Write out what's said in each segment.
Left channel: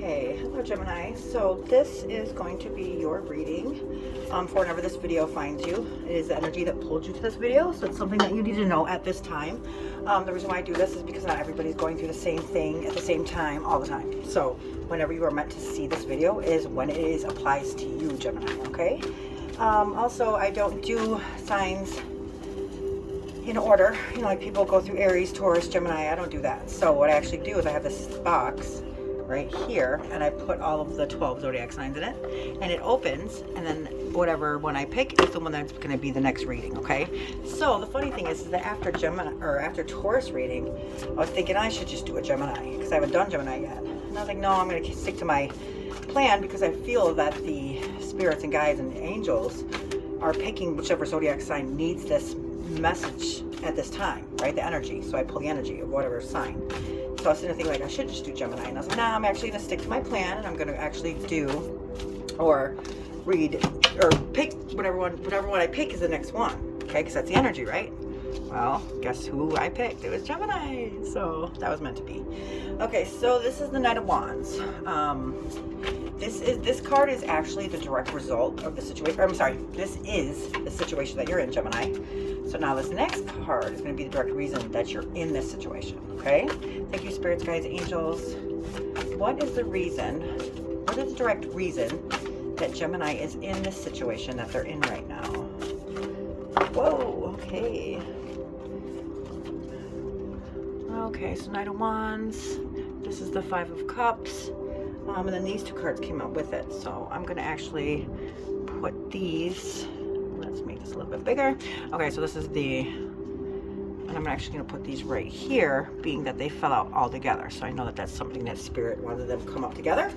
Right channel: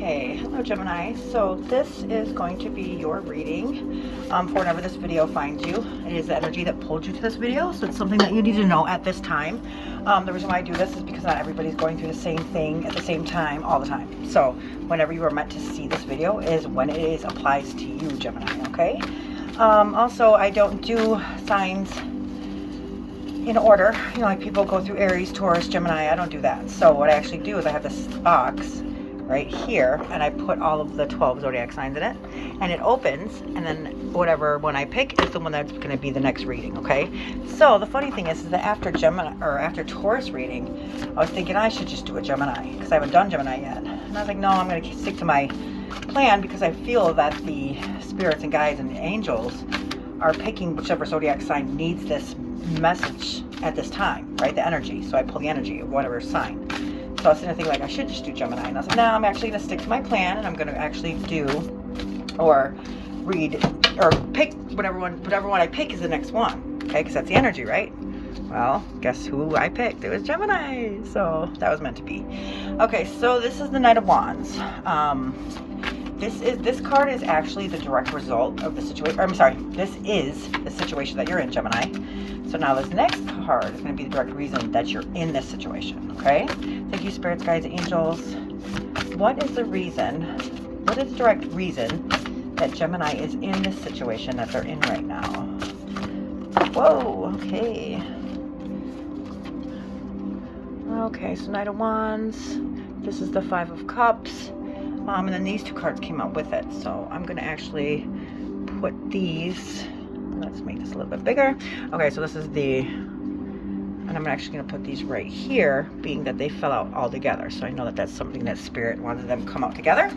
Okay, hello Gemini. So this is going to be your reading for whenever this video finds you. It is the energy that pulled you to this video, so it's something that you need to know at this time. The reason why I do this is because not everybody's going through the same thing at the same time all the time. So whenever you are meant to see this video is when it applies to you, Gemini, okay? Also, I don't do signs in order, you know, like people go through Aries, Taurus, Gemini. I don't do that. So what I actually do is I have this box right here and I put all of the 12 zodiac signs in it and it opens, and then whatever one I pick is the one that's going to be the next reading. Okay, so the funny thing is that after Gemini or after Taurus reading, I was thinking I should just do a Gemini because I haven't done Gemini yet, and I was like, no, I'm going to stick to my plan because I feel that the spirits and guides and angels are picking whichever zodiac sign needs this message at this time, right? The energy. So I pull the energy of whatever sign. So I was sitting there thinking like I should just do Gemini, and I was like, no, I'm actually gonna stick to my plan, and I'm gonna actually do or read or pick whatever one I pick is the next one. Okay, because that's the energy, right? Well, guess who I picked? It was Gemini. So that was meant to be. Okay, so this is the Knight of Wands. This card is actually the direct result of the situation. I'm sorry, this is the situation that you're in, Gemini. So now this next card is going to be the direct reason that you're in this situation, okay? Thank you, spirits, guides, angels. What is the reason, what is the direct reason that Gemini is in this situation that they're in right now? Whoa, okay. Okay, so Knight of Wands. This is the Five of Cups. And then these two cards came out with it. So I'm going to actually put these, let's make this a little bit bigger. Okay, so this is and I'm actually going to put these right here, being that they fell out all together. So I know that that's something that Spirit wanted them to come out together.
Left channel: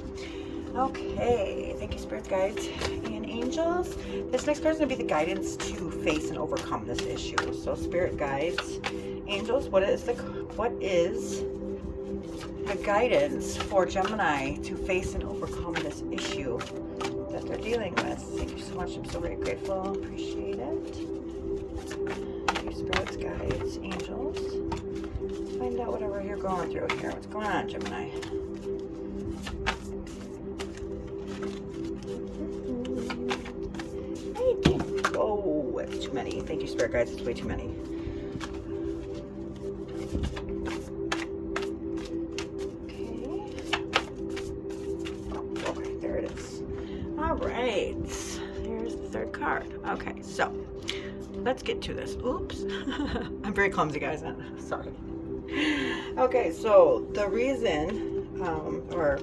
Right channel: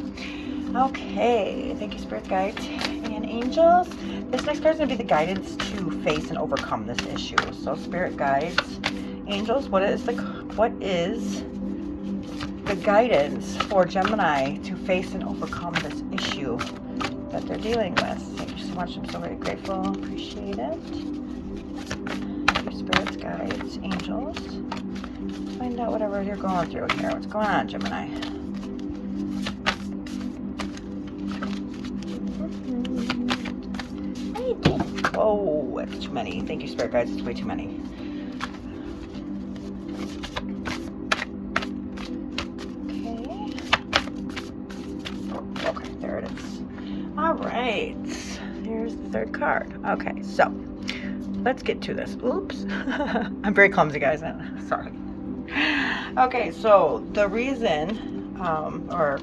Okay, thank you, Spirit, guides, and angels. This next card is going to be the guidance to face and overcome this issue. So Spirit, guides, angels, what is the guidance for Gemini to face and overcome this issue that they're dealing with? Thank you so much. I'm so very grateful. Appreciate it. Thank you, spirits, guides, angels. Let's find out whatever you're going through here. What's going on, Gemini? Oh, it's too many. Thank you, spirit guides. It's way too many. Alright, here's the third card. Okay, so let's get to this. Oops. I'm very clumsy, guys. Sorry. Okay, so the reason, or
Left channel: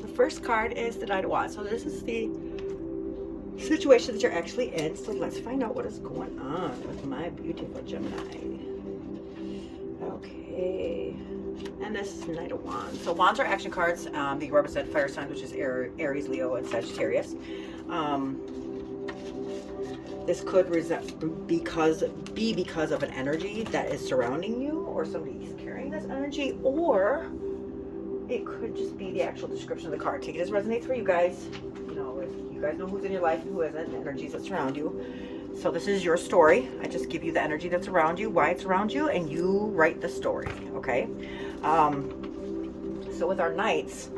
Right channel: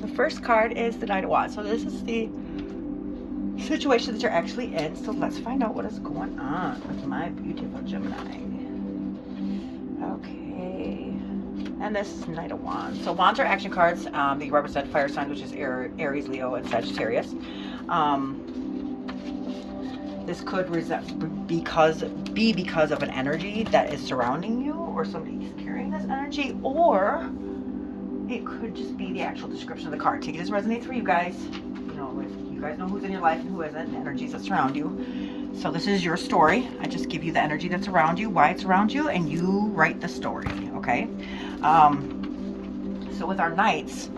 the first card is the Knight of Wands. So this is the situation that you're actually in. So let's find out what is going on with my beautiful Gemini. Okay. And this is Knight of Wands. So Wands are action cards. They represent fire signs, which is Aries, Leo, and Sagittarius. This could be because of an energy that is surrounding you, or somebody is carrying this energy, or it could just be the actual description of the card. Take it as resonates for you guys. You know, if you guys know who's in your life and who isn't, the energies that surround you. So this is your story. I just give you the energy that's around you, why it's around you, and you write the story, okay? So with our knights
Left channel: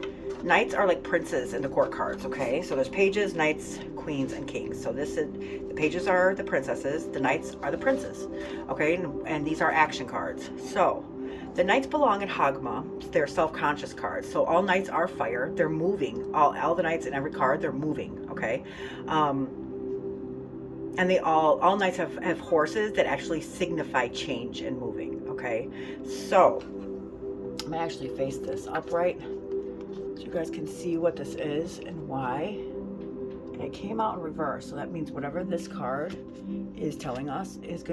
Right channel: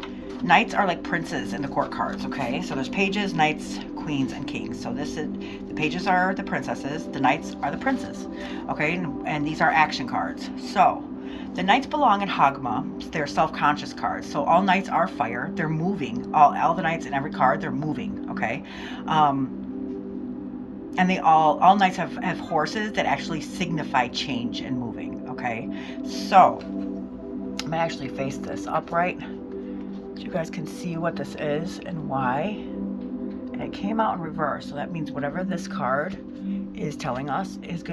are like princes in the court cards, okay? So there's pages, knights, queens, and kings. So the pages are the princesses, the knights are the princes, okay? And these are action cards. So the knights belong in Hagma. They're self-conscious cards. So all knights are fire. They're moving. All the knights in every card, they're moving, okay? And they all knights have horses that actually signify change and moving, okay? So I'm gonna actually face this upright so you guys can see what this is and why. And it came out in reverse, so that means whatever this card is telling us is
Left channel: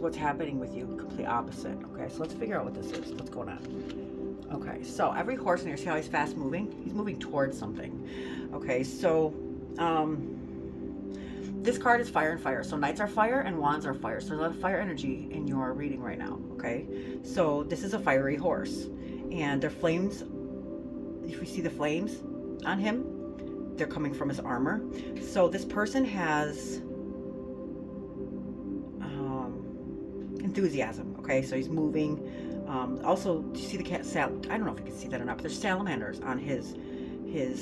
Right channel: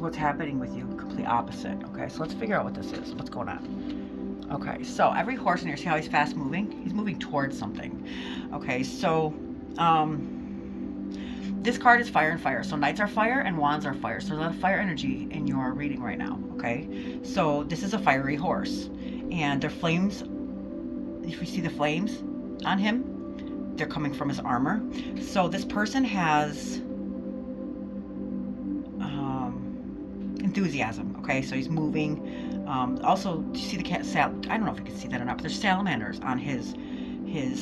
what's happening with you, complete opposite. Okay, so let's figure out what this is. What's going on? Okay, so every horse in here, see how he's fast moving? He's moving towards something. Okay, so this card is fire and fire. So knights are fire and wands are fire. So there's a lot of fire energy in your reading right now, okay? So this is a fiery horse. And their flames, if you see the flames on him, they're coming from his armor. So this person has enthusiasm, okay? So he's moving Also, do you see the cat? I don't know if you can see that or not, but there's salamanders on his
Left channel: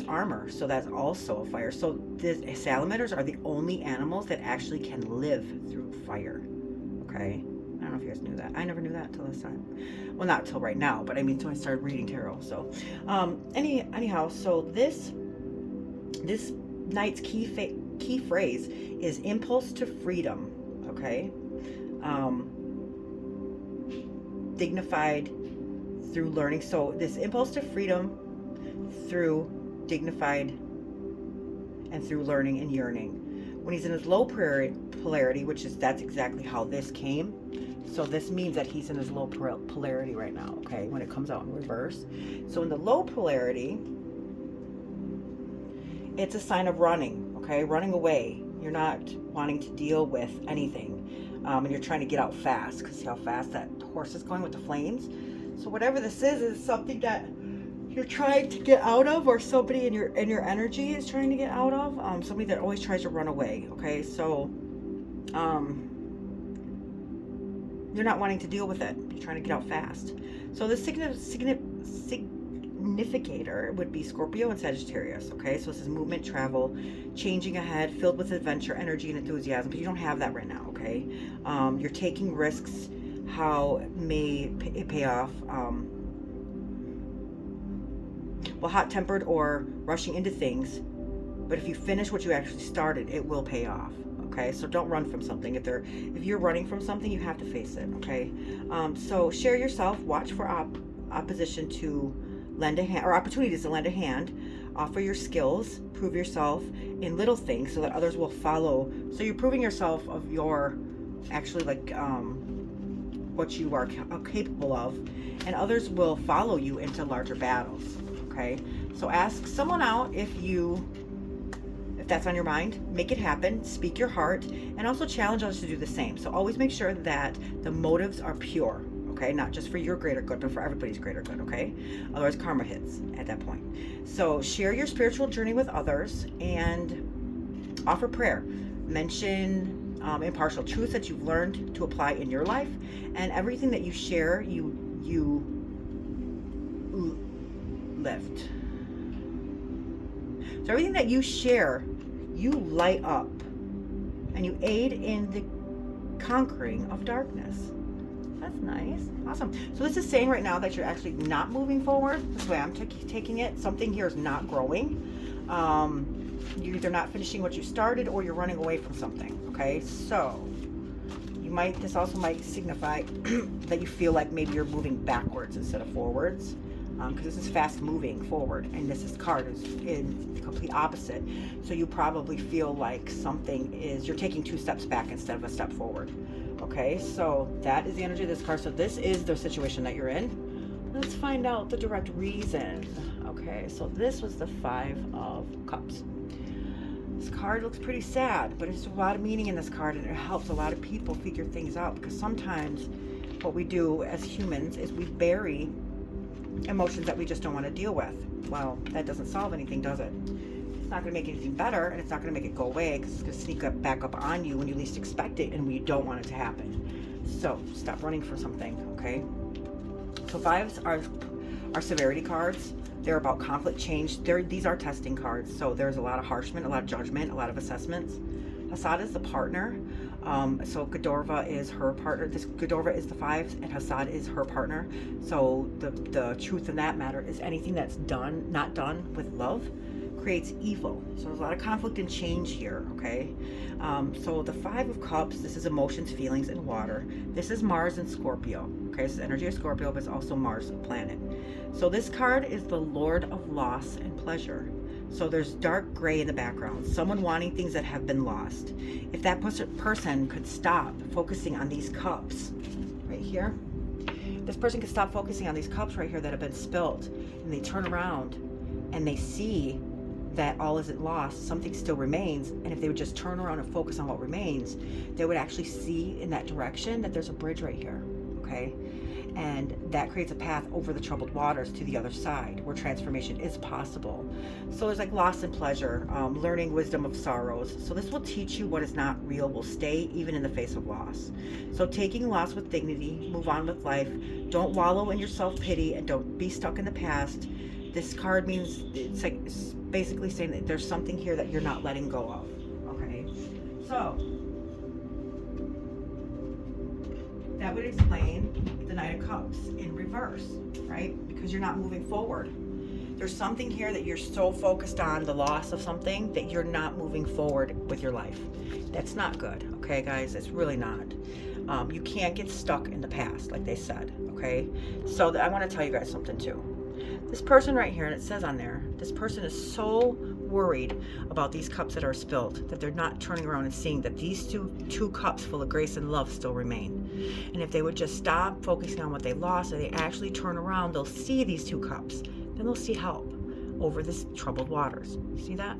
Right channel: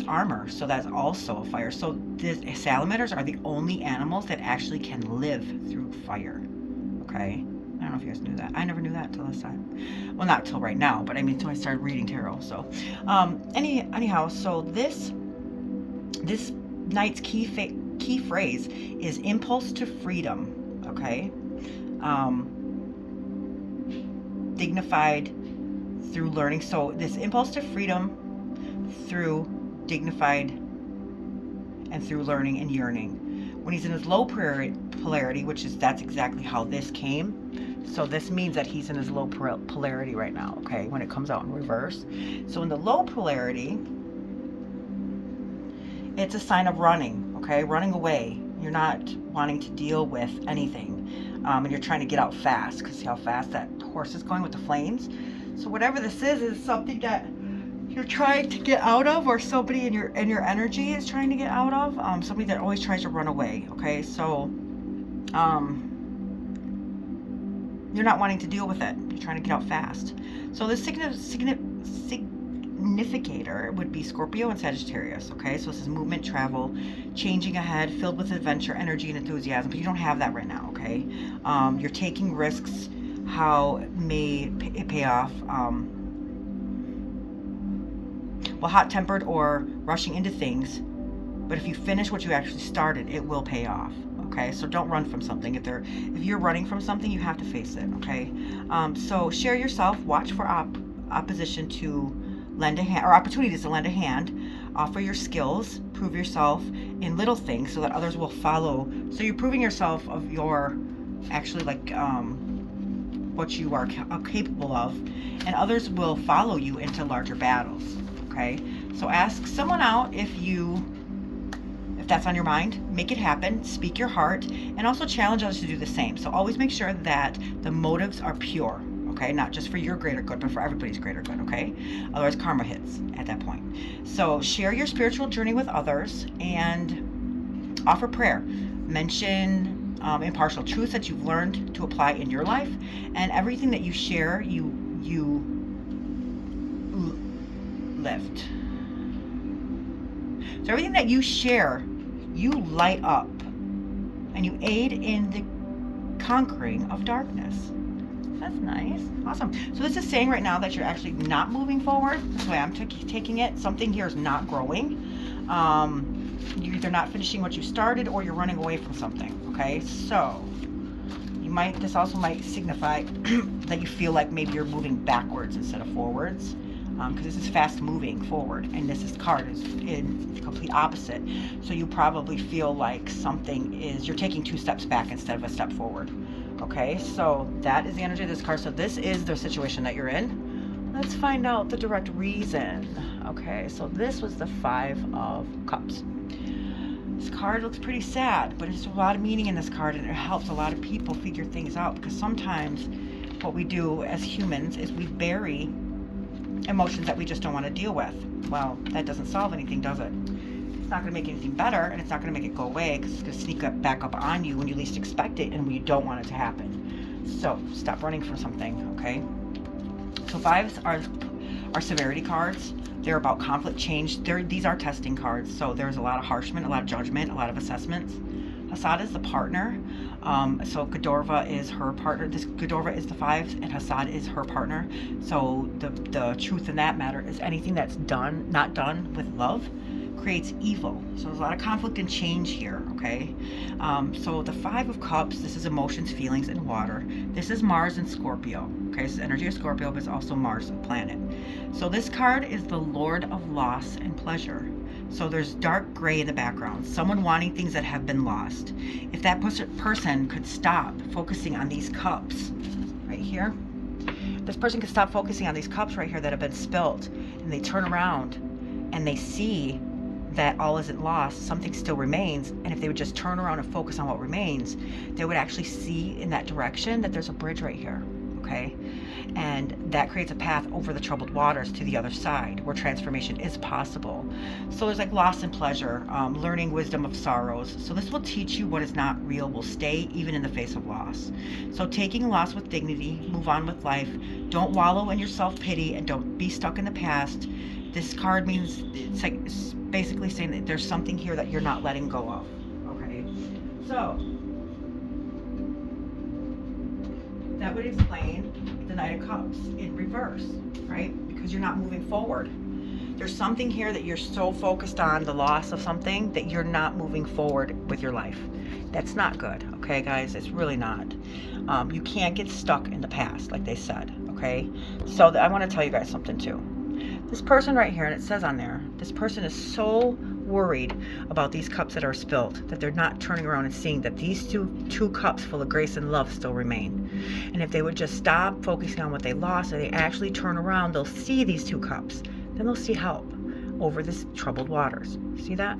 armor, so that's also fire. So the salamanders are the only animals that actually can live through fire. Okay, I don't know if you guys knew that. I never knew that until this time. Well, not till right now, but I mean until I started reading tarot. So, anyhow, so this night's key phrase is impulse to freedom. Okay, dignified through learning. So this impulse to freedom through dignified and through learning and yearning. When he's in his low polarity, that's exactly how this came. So this means that he's in his low polarity right now, okay, when it comes out in reverse. So in the low polarity, it's a sign of running, okay, running away. You're not wanting to deal with anything, and you're trying to get out fast, because see how fast that horse is going with the flames. So whatever this is something that you're trying to get out of, or somebody in your energy is trying to get out of. Somebody that always tries to run away. Okay, so you're not wanting to deal with it. You're trying to get out fast. So the significator would be Scorpio and Sagittarius. Okay, so this is movement, travel, changing ahead, filled with adventure, energy, and enthusiasm. But you don't have that right now. Okay, you're taking risks. How may it pay off? Well, hot-tempered or rushing into things, but if you finish what you actually started, it will pay off. Okay, so don't run from something. If you're running from something, you have to face it. Okay, so share yourself. Watch for opposition to lend a hand, or opportunities to lend a hand. Offer your skills. Prove yourself in little things so that others will follow. So you're proving yourself of your actually what you are capable of, and others will follow you into larger battles. Okay, so ask someone out if that's on your mind. Make it happen. Speak your heart, and also challenge others to do the same. So always make sure that the motives are pure. Okay, not just for your greater good, but for everybody's greater good. Okay, otherwise karma hits at that point. So share your spiritual journey with others and offer prayer. Mention impartial truths that you've learned to apply in your life, and everything that you share, you lift. So everything that you share, you light up, and you aid in the conquering of darkness. That's nice. Awesome. So this is saying right now that you're actually not moving forward. This way I'm taking it. Something here is not growing. You're either not finishing what you started, or you're running away from something. Okay, so this also might signify that you feel like maybe you're moving backwards instead of forwards. Because this is fast moving forward, and card is in complete opposite. So you probably feel like you're taking 2 steps back instead of a step forward. Okay, so that is the energy of this card. So this is the situation that you're in. Let's find out the direct reason. Okay, so this was the 5 of Cups. This card looks pretty sad, but there's a lot of meaning in this card, and it helps a lot of people figure things out, because sometimes what we do as humans is we bury emotions that we just don't want to deal with. Well, that doesn't solve anything, does it? It's not going to make anything better, and it's not going to make it go away, because it's going to sneak back up on you when you least expect it and when you don't want it to happen. So stop running from something. Okay, so 5s are severity cards. They're about conflict, change. These are testing cards, so there's a lot of harshment, a lot of judgment, a lot of assessments. Hassad is the partner. So Godorva is her partner. Godorva is the 5s, and Hassad is her partner. So the truth in that matter is anything that's not done with love, creates evil. So there's a lot of conflict and change here. Okay, so the 5 of Cups, this is emotions, feelings, and water. This is Mars and Scorpio. Okay, this is energy of Scorpio, but it's also Mars, the planet. So this card is the Lord of loss and pleasure. So there's dark gray in the background, someone wanting things that have been lost. If that person could stop focusing on these cups right here, this person could stop focusing on these cups right here that have been spilt, and they turn around and they see that all isn't lost, something still remains. And if they would just turn around and focus on what remains, they would actually see in that direction that there's a bridge right here. Okay, And that creates a path over the troubled waters to the other side where transformation is possible. So there's like loss and pleasure, learning wisdom of sorrows. So this will teach you what is not real will stay even in the face of loss. So taking loss with dignity, move on with life. Don't wallow in your self-pity and don't be stuck in the past. This card means it's basically saying that there's something here that you're not letting go of. Okay, so that would explain the Knight of Cups in reverse, right? Because you're not moving forward. There's something here that you're so focused on, the loss of something, that you're not moving forward with your life. That's not good, okay, guys? It's really not. You can't get stuck in the past, like they said, okay? So I want to tell you guys something too. This person right here, and it says on there, this person is so worried about these cups that are spilled that they're not turning around and seeing that these two cups full of grace and love still remain. And if they would just stop focusing on what they lost and they actually turn around, they'll see these 2 cups. Then they'll see help over this troubled waters. See that?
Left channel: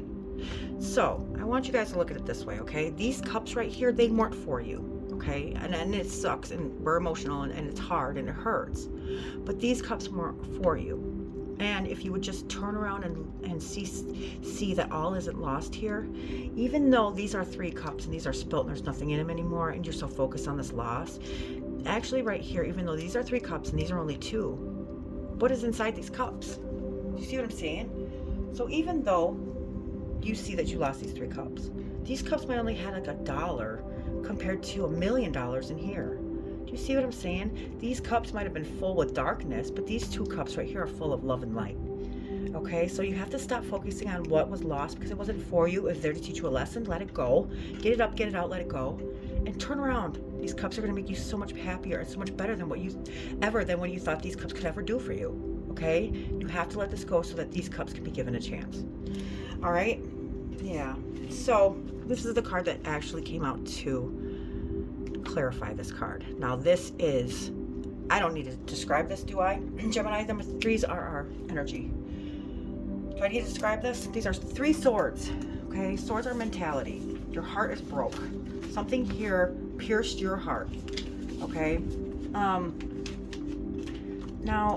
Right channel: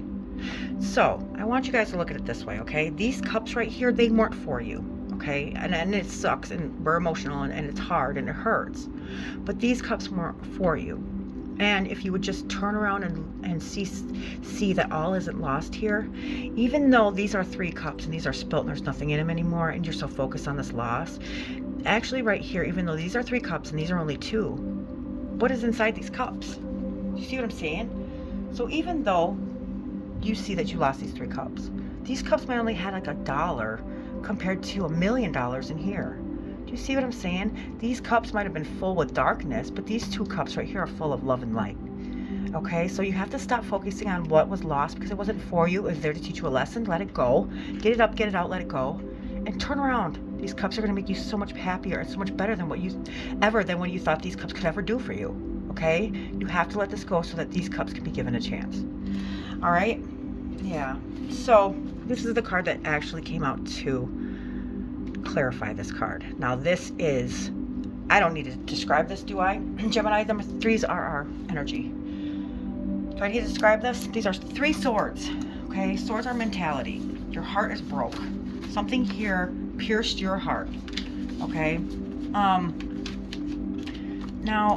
So I want you guys to look at it this way, okay? These cups right here, they weren't for you, okay? And it sucks, and we're emotional, and it's hard, and it hurts. But these cups weren't for you. And if you would just turn around and see that all isn't lost here, even though these are 3 cups and these are spilt and there's nothing in them anymore, and you're so focused on this loss, actually right here, even though these are 3 cups and these are only 2, what is inside these cups? Do you see what I'm saying? So even though you see that you lost these 3 cups, these cups might only had like $1 compared to $1 million in here. You see what I'm saying? These cups might have been full with darkness, but these 2 cups right here are full of love and light. Okay, so you have to stop focusing on what was lost because it wasn't for you. It was there to teach you a lesson. Let it go. Get it up, get it out, let it go. And turn around. These cups are going to make you so much happier and so much better than what you thought these cups could ever do for you. Okay? You have to let this go so that these cups can be given a chance. All right? Yeah. So this is the card that actually came out to clarify this card. Now this is, I don't need to describe this, do I? Gemini, number 3s are our energy. Do I need to describe this? These are 3 swords, okay? Swords are mentality. Your heart is broke. Something here pierced your heart, okay? Now,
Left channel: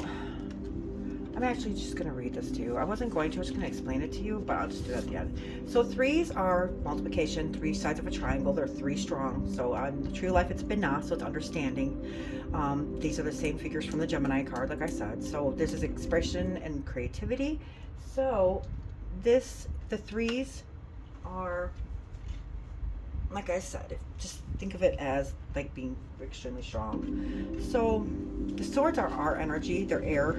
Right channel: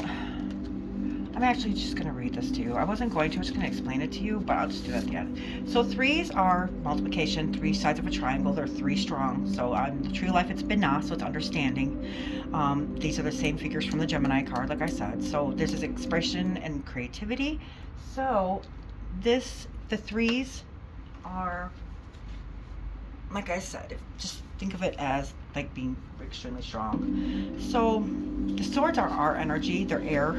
I'm actually just going to read this to you. I wasn't going to, I was just going to explain it to you, but I'll just do that at the end. So 3s are multiplication, 3 sides of a triangle. They're 3 strong. So on the tree of life, it's Binah, so it's understanding. These are the same figures from the Gemini card, like I said. So there's this expression and creativity. So the 3s are, like I said, just think of it as like being extremely strong. So the swords are our energy. They're air.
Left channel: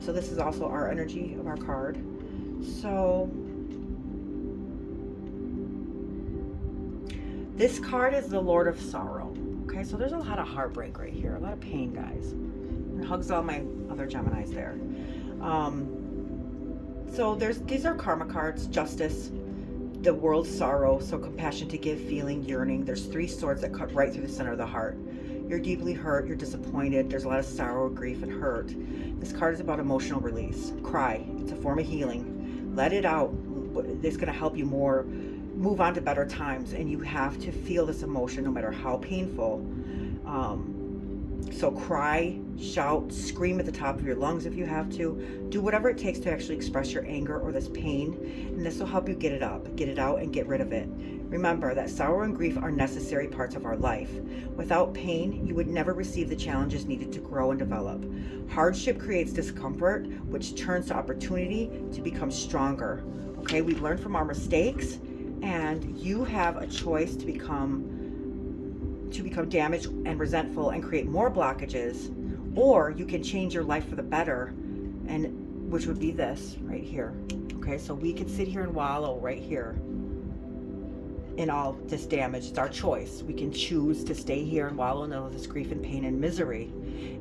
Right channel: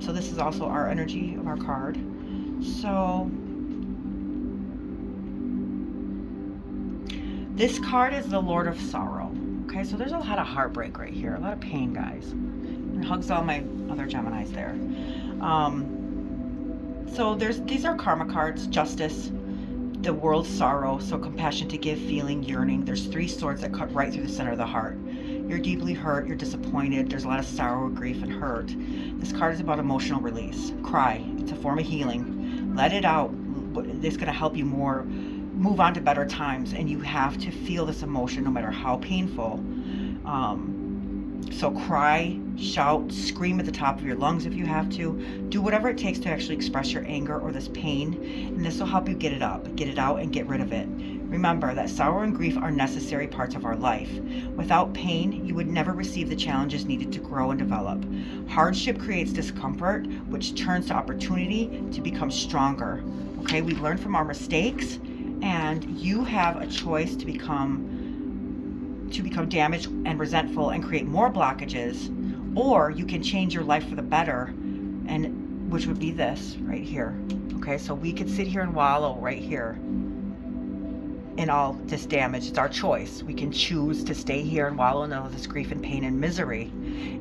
So this is also our energy of our card. So this card is the Lord of Sorrow. Okay, so there's a lot of heartbreak right here, a lot of pain, guys. And hugs all my other Geminis there. So these are karma cards: justice, the world's sorrow, so compassion to give, feeling, yearning. There's 3 swords that cut right through the center of the heart. You're deeply hurt, you're disappointed, there's a lot of sorrow, grief, and hurt. This card is about emotional release. Cry. It's a form of healing. Let it out. It's going to help you move on to better times, and you have to feel this emotion no matter how painful. So cry, shout, scream at the top of your lungs if you have to. Do whatever it takes to actually express your anger or this pain, and this will help you get it up, get it out, and get rid of it. Remember that sorrow and grief are necessary parts of our life. Without pain, you would never receive the challenges needed to grow and develop. Hardship creates discomfort, which turns to opportunity to become stronger. Okay, we learn from our mistakes, and you have a choice to become damaged and resentful and create more blockages, or you can change your life for the better, and which would be this right here. Okay, so we could sit here and wallow right here in all this damage. It's our choice. We can choose to stay here and wallow in all this grief and pain and misery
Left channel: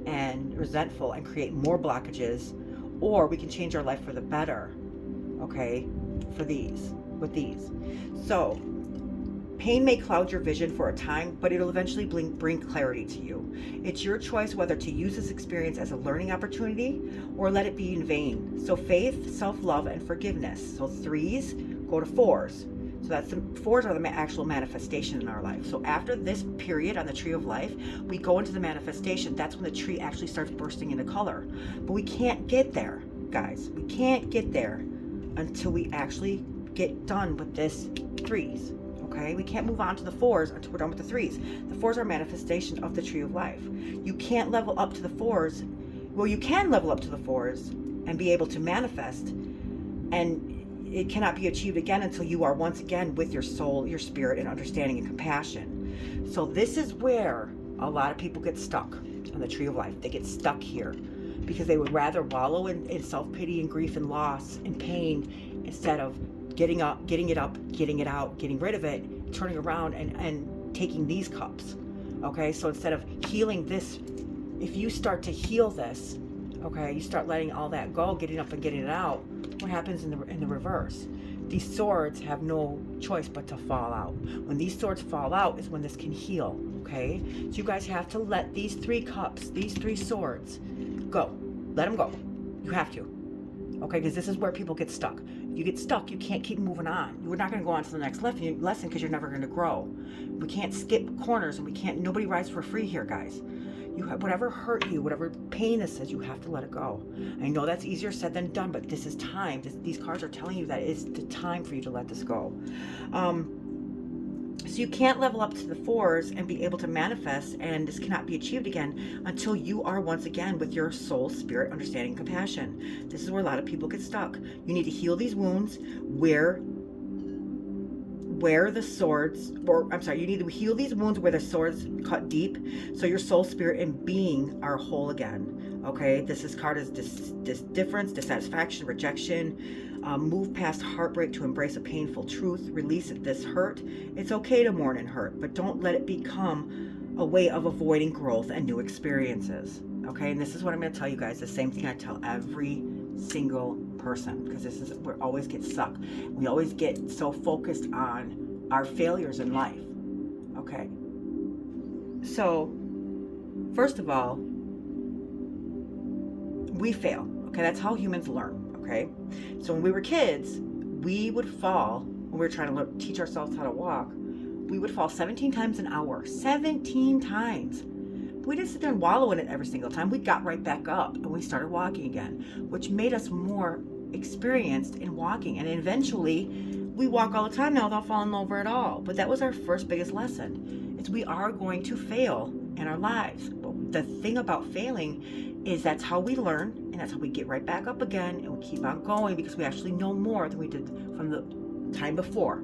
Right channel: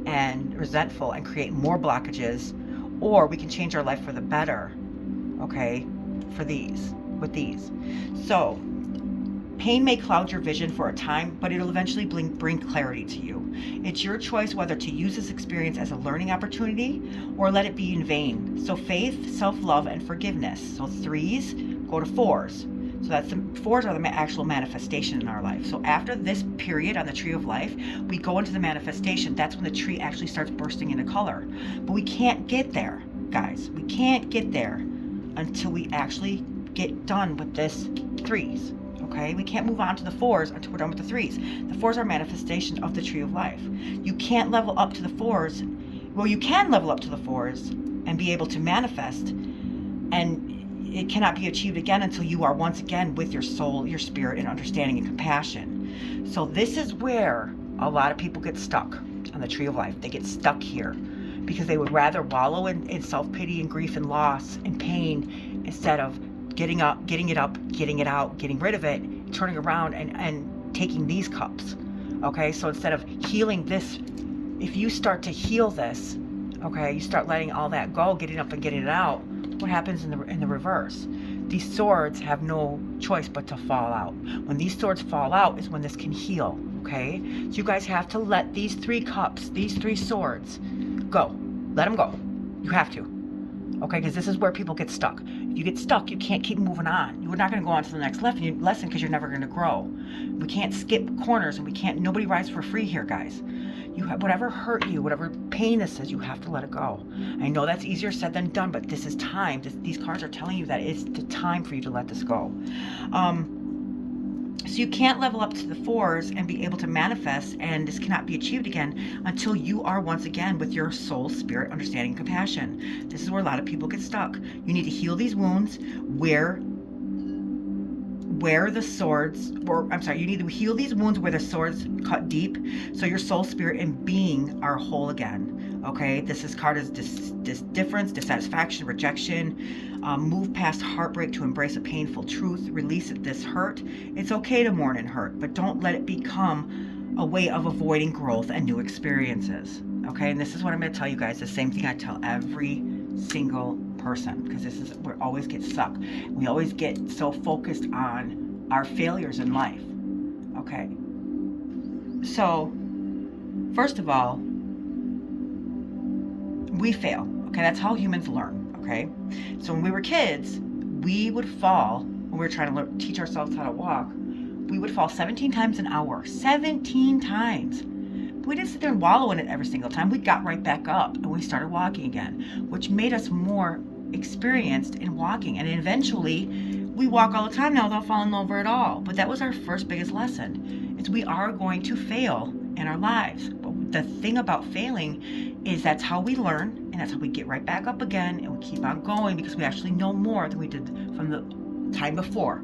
and resentful and create more blockages, or we can change our life for the better. Okay, with these. So pain may cloud your vision for a time, but it'll eventually bring clarity to you. It's your choice whether to use this experience as a learning opportunity or let it be in vain. So faith, self-love, and forgiveness. So 3s go to 4s. So that's the fours are the actual manifestation in our life. So after this period on the tree of life, we go into the manifestation. That's when the tree actually starts bursting into color. But we can't get there, guys. We can't get there until we actually get done with this threes. Okay, we can't move on to the fours until we're done with the threes. The fours are manifestations of the tree of life. You can't level up to the fours. Well, you can level up to the fours and be able to manifest, and it cannot be achieved again until you are once again with your soul, your spirit, and understanding and compassion. So this is where a lot of people get stuck on the tree of life. They get stuck here because they would rather wallow in self-pity and grief and loss and pain instead of getting up, getting it up, getting it out, getting rid of it, turning around and taking these cups. Okay, so instead of healing this, if you start to heal this, okay, you start letting all that go, getting up and getting it out, what happens in the reverse? These swords have no choice but to fall out. When these swords fall out is when this can heal, okay? So you guys have to let these three cups, these three swords go. Let them go. You have to. Okay, because this is where people get stuck. If you get stuck, you can't keep moving on. You're not going to go on to the next lesson because you're never going to grow. We can't skip corners, and we can't. Nobody rides for free here, guys. You have whatever hurt you, whatever pain this is, you have to let it go. I know that's easier said than done, but this is time. These cards are telling you that it's the time for you to let this go. So you can't level up to the fours and be able to manifest, and this cannot be achieved again until you are once again with your soul, spirit, understanding, compassion. This is where a lot of people get stuck. You need to heal these wounds where the swords, you need to heal these wounds where the swords cut deep, so your soul, spirit, and being are whole again. Okay, this card is difference, dissatisfaction, rejection. Move past heartbreak to embrace a painful truth. Release this hurt. It's okay to mourn and hurt, but don't let it become a way of avoiding growth and new experiences. Okay, and this is what I'm going to tell you guys. The same thing I tell every single person, because this is we always get stuck. We always get so focused on our failures in life. Okay, so first of all, we fail. Okay, that's how humans learn. Okay, so when we were kids, we would fall when we were trying to teach ourselves how to walk. We would fall 17 times an hour. 17 times. We didn't sit there and wallow in it every single time. We got right back up and we started walking again, which made us more experienced in walking. And eventually, we walk all the time now without falling over at all. But that was our first biggest lesson. It's we are going to fail in our lives. But the thing about failing is that's how we learn, and that's how we get right back up again, and we keep on going because we actually know more than we did from the time before.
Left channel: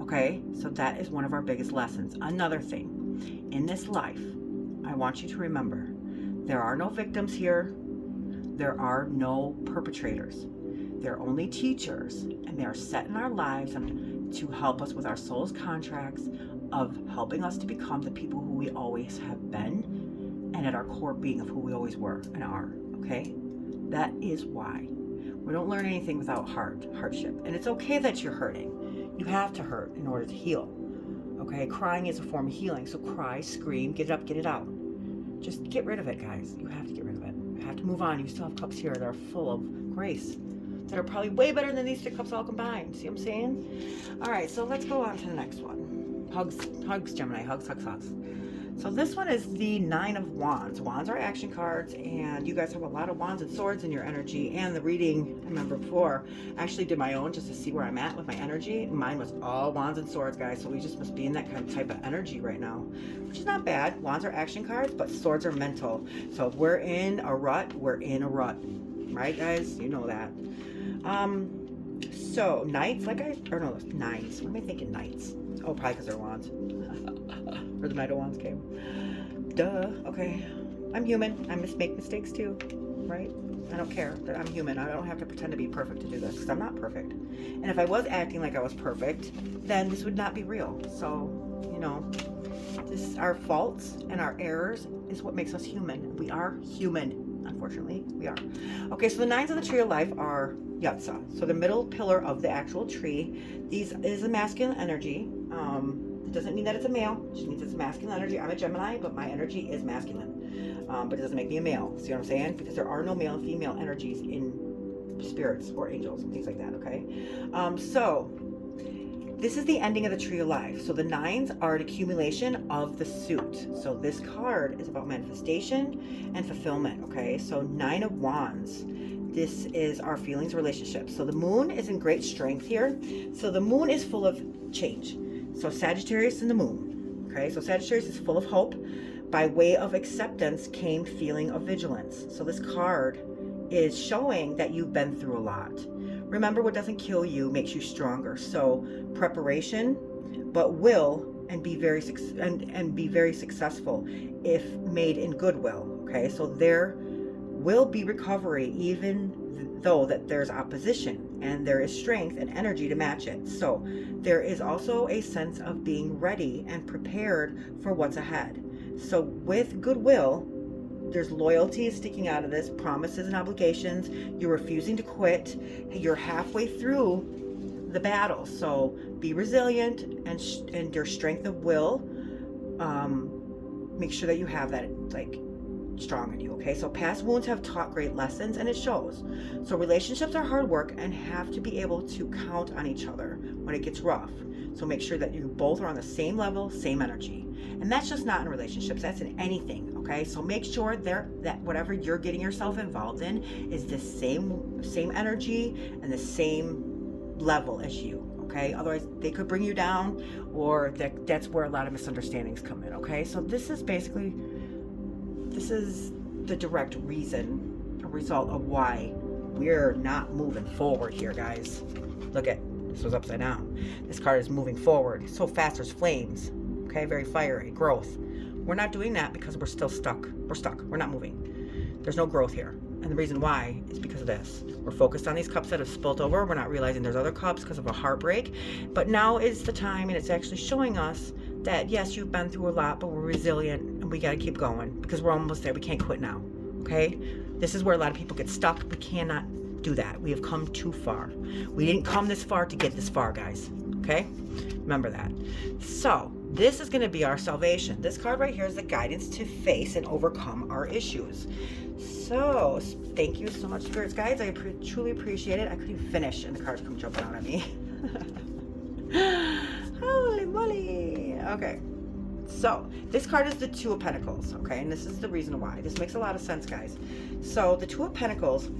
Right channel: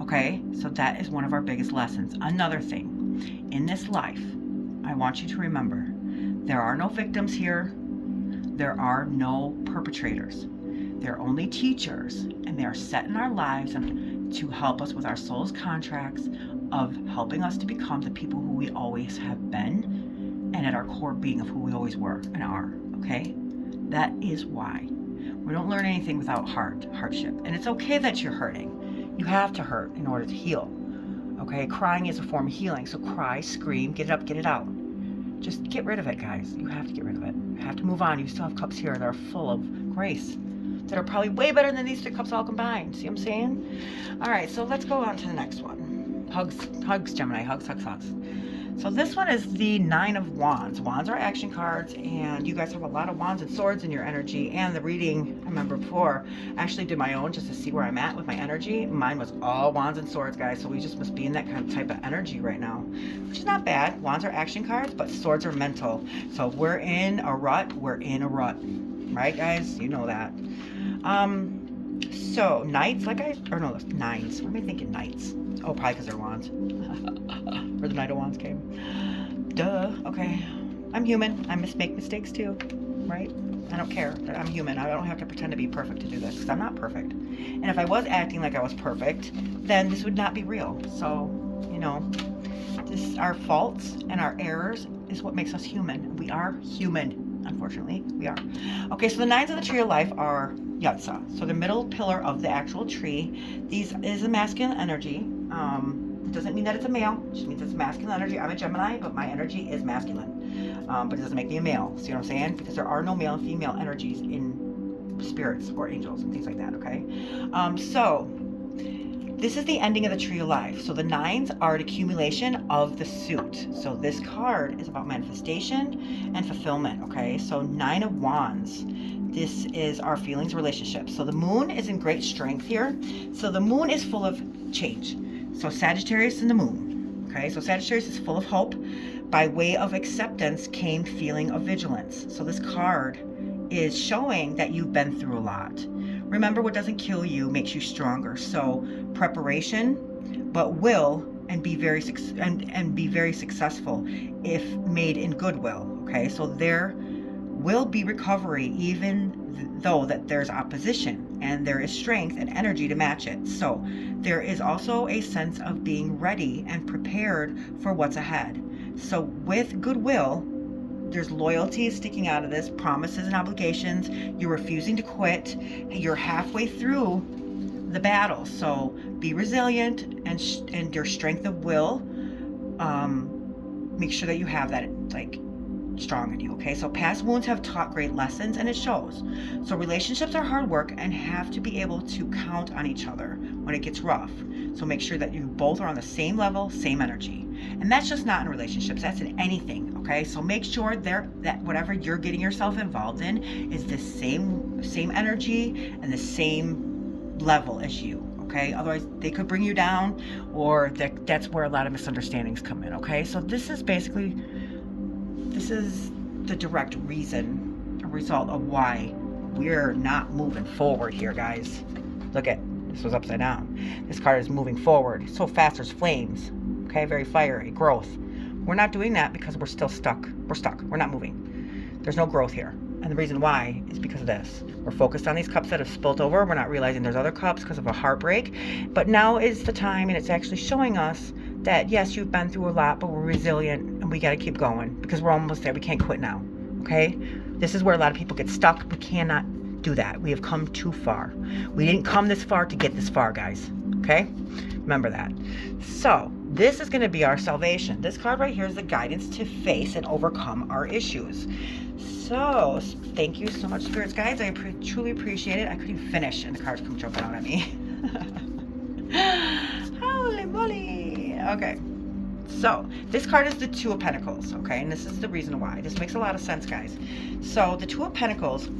Okay, so that is one of our biggest lessons. Another thing, in this life, I want you to remember, there are no victims here. There are no perpetrators. They're only teachers, and they are set in our lives to help us with our soul's contracts of helping us to become the people who we always have been, and at our core being of who we always were and are. Okay, that is why we don't learn anything without hardship. And it's okay that you're hurting. You have to hurt in order to heal. Okay, crying is a form of healing. So cry, scream, get it up, get it out. Just get rid of it, guys. You have to get rid of it. You have to move on. You still have cups here that are full of grace, that are probably way better than these three cups all combined. See what I'm saying? All right, so let's go on to the next one. Hugs, Gemini. Hugs. So this one is the Nine of Wands. Wands are action cards, and you guys have a lot of wands and swords in your energy. And the reading, I remember before, I actually did my own just to see where I'm at with my energy. Mine was all wands and swords, guys. So we just must be in that kind of type of energy right now, which is not bad. Wands are action cards, but swords are mental. So if we're in a rut, we're in a rut. Right, guys? You know that. So knights, nines. What am I thinking? Knights. Oh, probably because they're wands. Or the Knight of Wands came. Duh. Okay. I'm human. I make mistakes too. Right? I don't care. I'm human. I don't have to pretend to be perfect to do this because I'm not perfect. And if I was acting like I was perfect, then this would not be real. So, our faults and our errors is what makes us human. We are human. Unfortunately, we are. Okay, so the nines of the tree of life are Yatsa. So the middle pillar of the actual tree. These is a masculine energy. It doesn't mean that it's a male. It just means it's masculine energy. I'm a Gemini, but my energy is masculine. But it doesn't make me a male. See what I'm saying? Because there are no male and female energies in spirits or angels and things like that, okay? So This is the ending of the tree of life. So the nines are an accumulation of the suit. So this card is about manifestation and fulfillment, okay? So 9 of Wands. This is our feelings, relationships. So the moon is in great strength here. So the moon is full of change. So Sagittarius and the moon, okay? So Sagittarius is full of hope. By way of acceptance came feeling of vigilance. So this card is showing that you've been through a lot. Remember, what doesn't kill you makes you stronger. So preparation, but will and be very successful if made in goodwill. Okay, so there will be recovery even though that there's opposition, and there is strength and energy to match it. So there is also a sense of being ready and prepared for what's ahead. So with goodwill, there's loyalty sticking out of this, promises and obligations. You're refusing to quit. You're halfway through the battle. So be resilient and your strength of will. Make sure that you have that like strong in you. Okay, so past wounds have taught great lessons, and it shows. So relationships are hard work and have to be able to count on each other when it gets rough. So make sure that you both are on the same level, same energy. And that's just not in relationships, that's in anything. Okay, so make sure that whatever you're getting yourself involved in is the same energy and the same level as you. Okay, otherwise they could bring you down, or that's where a lot of misunderstandings come in. Okay, so this is the direct reason, a result of why we're not moving forward here, guys. Look at this, was upside down. This card is moving forward so fast. There's flames. Okay, very fiery growth. We're not doing that because we're still stuck. We're stuck. We're not moving. There's no growth here. And the reason why is because of this. We're focused on these cups that have spilt over. We're not realizing there's other cups because of a heartbreak. But now is the time, and it's actually showing us that yes, you've been through a lot, but we're resilient and we got to keep going because we're almost there. We can't quit now. Okay? This is where a lot of people get stuck. We cannot do that. We have come too far. We didn't come this far to get this far, guys. Okay? Remember that. So this is going to be our salvation. This card right here is the guidance to face and overcome our issues. So thank you so much, spirits guides. I truly appreciate it. I couldn't even finish and the cards come jumping out at me. Holy moly. Okay. So this card is the Two of Pentacles. Okay. And this is the reason why. This makes a lot of sense, guys. So the Two of Pentacles,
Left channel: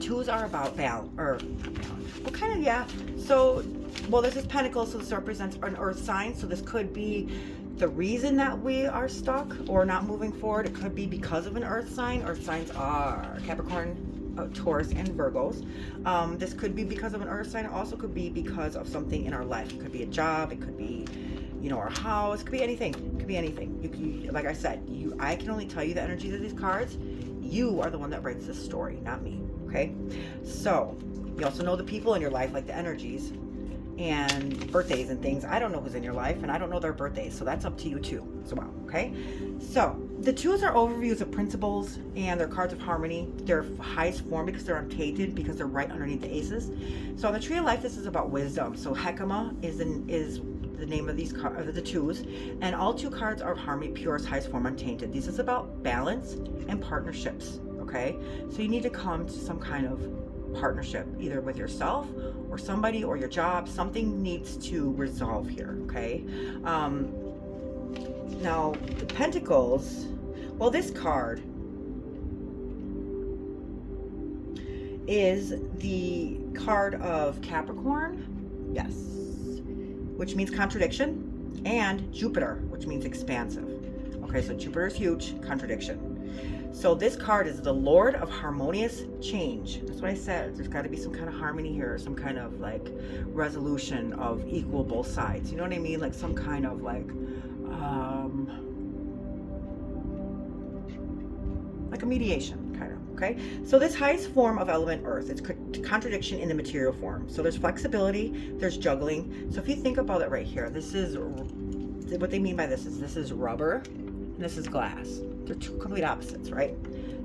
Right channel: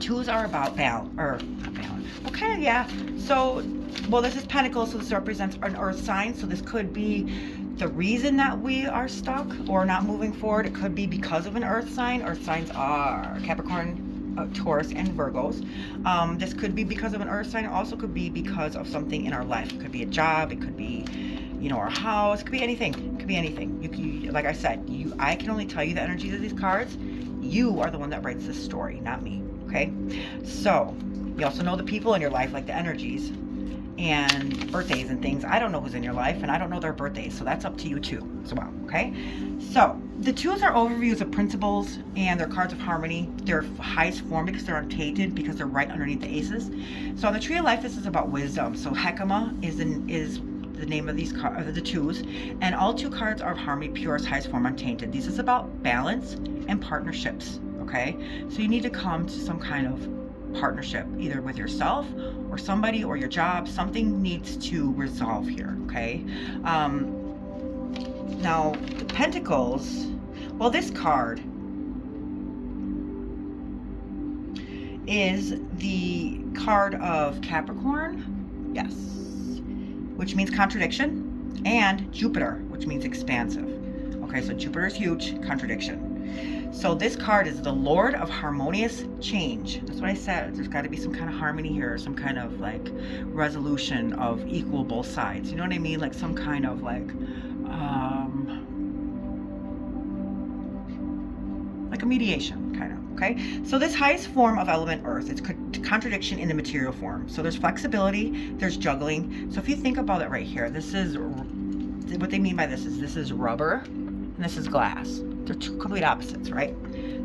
twos are about balance, or not balance. Well, kind of, yeah. So, well, this is Pentacles, so this represents an earth sign. So this could be the reason that we are stuck or not moving forward. It could be because of an earth sign. Earth signs are Capricorn, Taurus, and Virgos. This could be because of an earth sign. It also could be because of something in our life. It could be a job. It could be, you know, our house. It could be anything. It could be anything. You, like I said, I can only tell you the energies of these cards. You are the one that writes this story, not me. Okay? So you also know the people in your life, like the energies and birthdays and things. I don't know who's in your life, and I don't know their birthdays, so that's up to you too as well. Okay, so the twos are overviews of principles, and they're cards of harmony. They're highest form because they're untainted, because they're right underneath the aces. So on the Tree of Life, this is about wisdom. So Hekima is the name of these cards, the twos, and all two cards are of harmony, purest, highest form, untainted. This is about balance and partnerships. Okay, so you need to come to some kind of partnership, either with yourself or somebody or your job. Something needs to resolve here. Okay, now the Pentacles, well, this card is the card of Capricorn, yes, which means contradiction, and Jupiter, which means expansive. Okay, so Jupiter is huge, contradiction. So this card is the Lord of harmonious change. That's what I said. There's got to be some kind of harmony here, some kind of like resolution of equal both sides. You know what I mean? Like some kind of like a mediation kind of. Okay. So this highest form of element Earth, it's contradiction in the material form. So there's flexibility, there's juggling. So if you think about it right here, this is what they mean by this is rubber and this is glass. They're two complete opposites, right?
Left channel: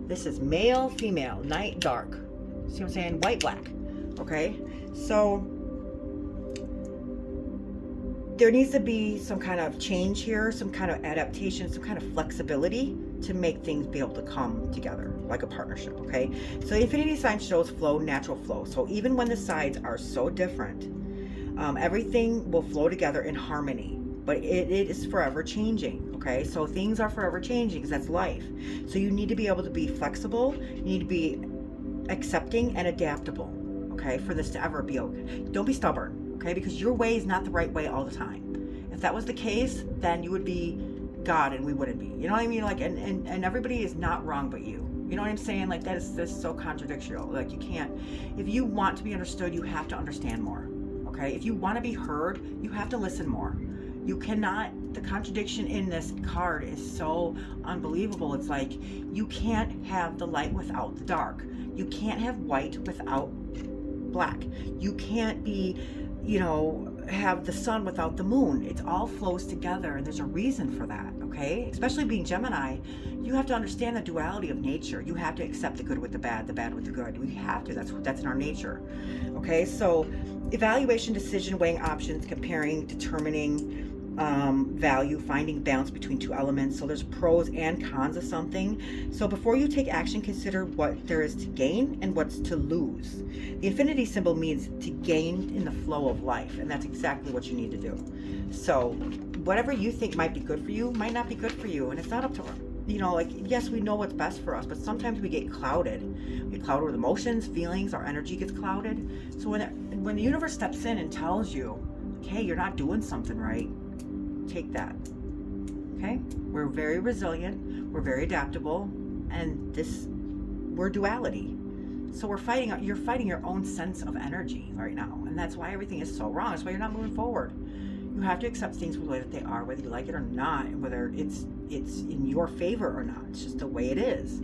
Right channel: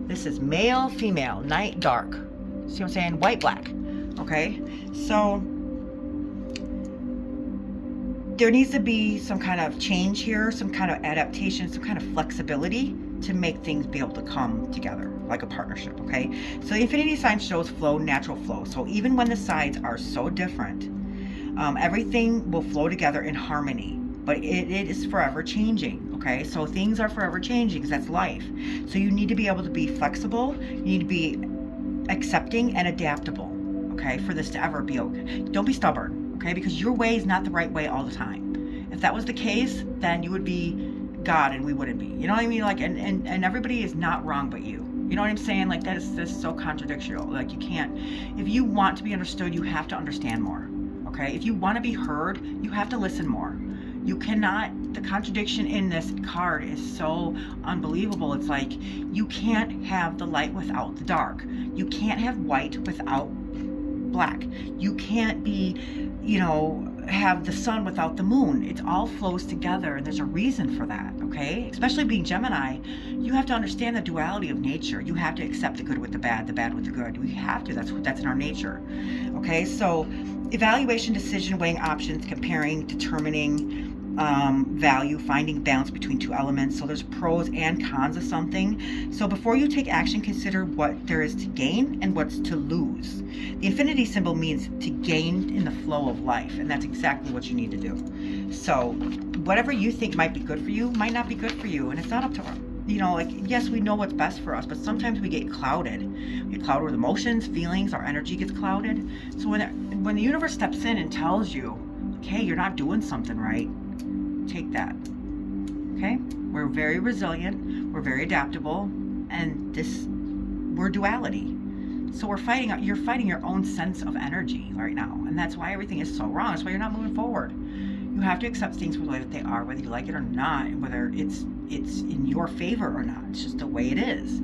This is male, female, night, dark. See what I'm saying? White, black. Okay? So there needs to be some kind of change here, some kind of adaptation, some kind of flexibility to make things be able to come together like a partnership. Okay? So the infinity sign shows flow, natural flow. So even when the sides are so different, Everything will flow together in harmony, but it is forever changing. Okay, so things are forever changing because that's life. So you need to be able to be flexible. You need to be accepting and adaptable. Okay, for this to ever be okay. Don't be stubborn. Okay, because your way is not the right way all the time. If that was the case, then you would be God and we wouldn't be. You know what I mean? Like, and everybody is not wrong but you. You know what I'm saying? Like, this is so contradictory. Like, you can't, if you want to be understood, you have to understand more. Okay, if you want to be heard, you have to listen more. You cannot, the contradiction in this card is so unbelievable. It's like, you can't have the light without the dark. You can't have white without black. You can't be, you know, have the sun without the moon. It all flows together, and there's a reason for that. Okay, especially being Gemini, you have to understand the duality of nature. You have to accept the good with the bad with the good. We have to. That's in our nature. Okay, so evaluation, decision, weighing options, comparing, determining value, finding balance between two elements. So there's pros and cons of something. So before you take action, consider what there is to gain and what's to lose. The infinity symbol means to gain in the flow of life, and that's exactly what you need to do. So whatever you think might be good for you might not be good for you, and it's not up to, you know, like, yes, we know what's best for us, but sometimes we get clouded. We get clouded with emotions, feelings, our energy gets clouded. So when the universe steps in and tells you, okay, you're not doing something right, take that. Okay, we're very resilient, we're very adaptable, and we're duality. So you're fighting your own sense of energy right now, and that's why everything is so wrong. That's why you're not moving forward. You have to accept things for the way that they are, whether you like it or not, whether it's in your favor or not. It's just the way it is.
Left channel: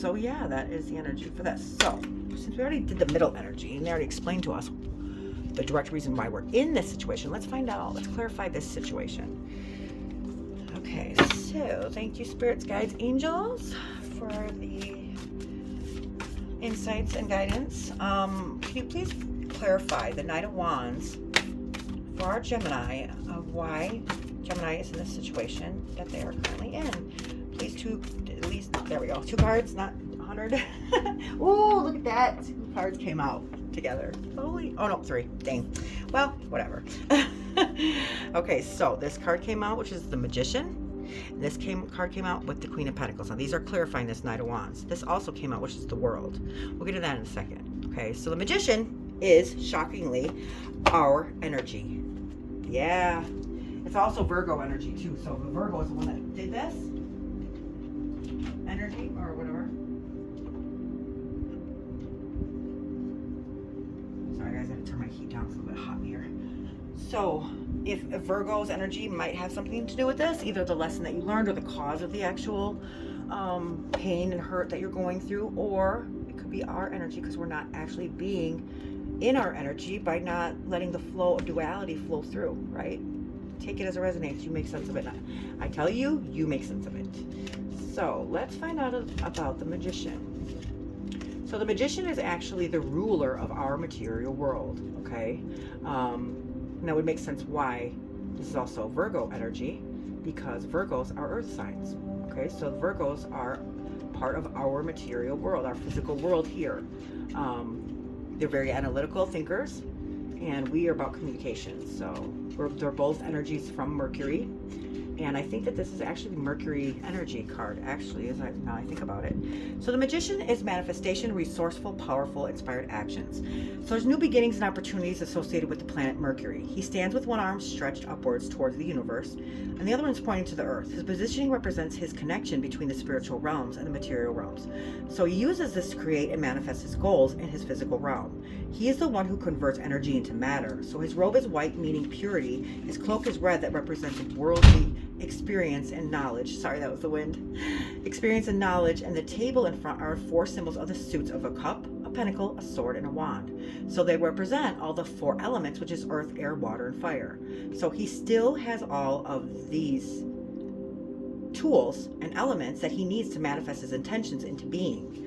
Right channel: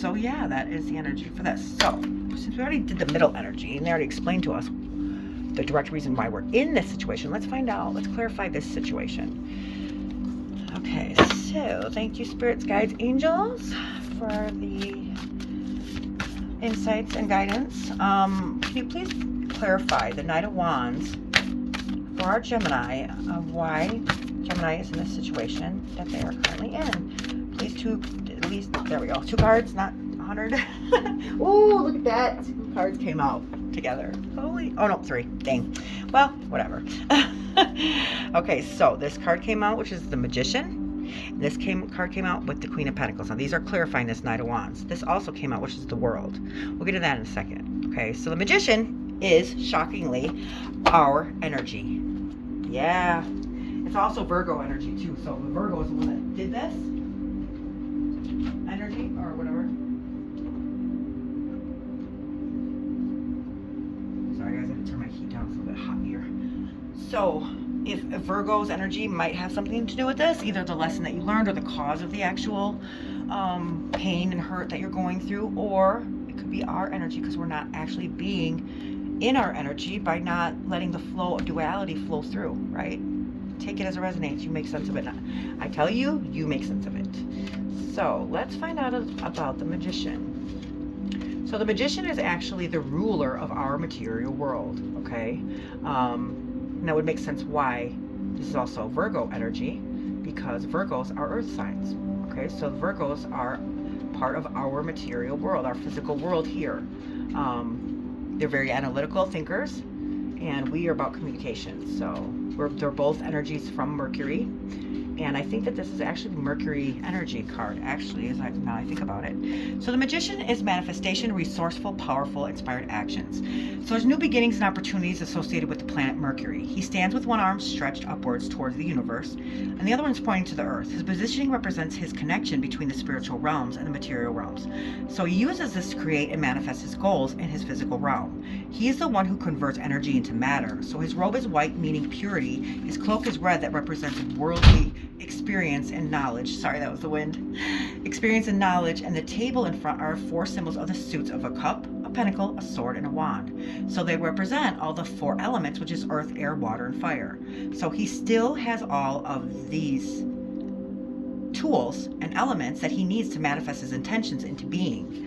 So yeah, that is the energy for this. So since we already did the middle energy and they already explained to us the direct reason why we're in this situation, let's find out. Let's clarify this situation. Okay, so thank you, spirits, guides, angels, for the insights and guidance. Can you please clarify the Knight of Wands for our Gemini of why Gemini is in this situation that they are currently in? Please, at least, there we go. 2 cards, not 100. Oh, look at that. 2 cards came out together. Holy, oh no, 3. Dang. Well, whatever. Okay, so this card came out, which is the Magician. And this card came out with the Queen of Pentacles. Now these are clarifying this Knight of Wands. This also came out, which is the World. We'll get to that in a second. Okay, so the Magician is, shockingly, our energy. Yeah. It's also Virgo energy too. So the Virgo is the one that did this energy or whatever. Sorry guys, I had to turn my heat down. It's a little bit hot here. So if Virgo's energy might have something to do with this, either the lesson that you learned or the cause of the actual pain and hurt that you're going through, or it could be our energy because we're not actually being in our energy by not letting the flow of duality flow through, right? Take it as it resonates. You make sense of it. I tell you, you make sense of it. So let's find out about the Magician. So the Magician is actually the ruler of our material world, okay? And that would make sense why this is also Virgo energy, because Virgos are earth signs, okay? So Virgos are part of our material world, our physical world here. They're very analytical thinkers, and we are about communication. So they're both energies from Mercury. And I think that this is actually Mercury energy card, actually, now I think about it. So the Magician is manifestation, resourceful, powerful, inspired actions. So there's new beginnings and opportunities associated with the planet Mercury. He stands with one arm stretched upwards towards the universe, and the other one's pointing to the earth. His positioning represents his connection between the spiritual realms and the material realms. So he uses this to create and manifest his goals in his physical realm. He is the one who converts energy into matter. So his robe is white, meaning purity. His cloak is red, that represents worldly experience and knowledge. Sorry, that was the wind. Experience and knowledge. And the table in front are 4 symbols of the suits of a cup, a pentacle, a sword, and a wand. So they represent all the 4 elements, which is earth, air, water, and fire. So he still has all of these tools and elements that he needs to manifest his intentions into being.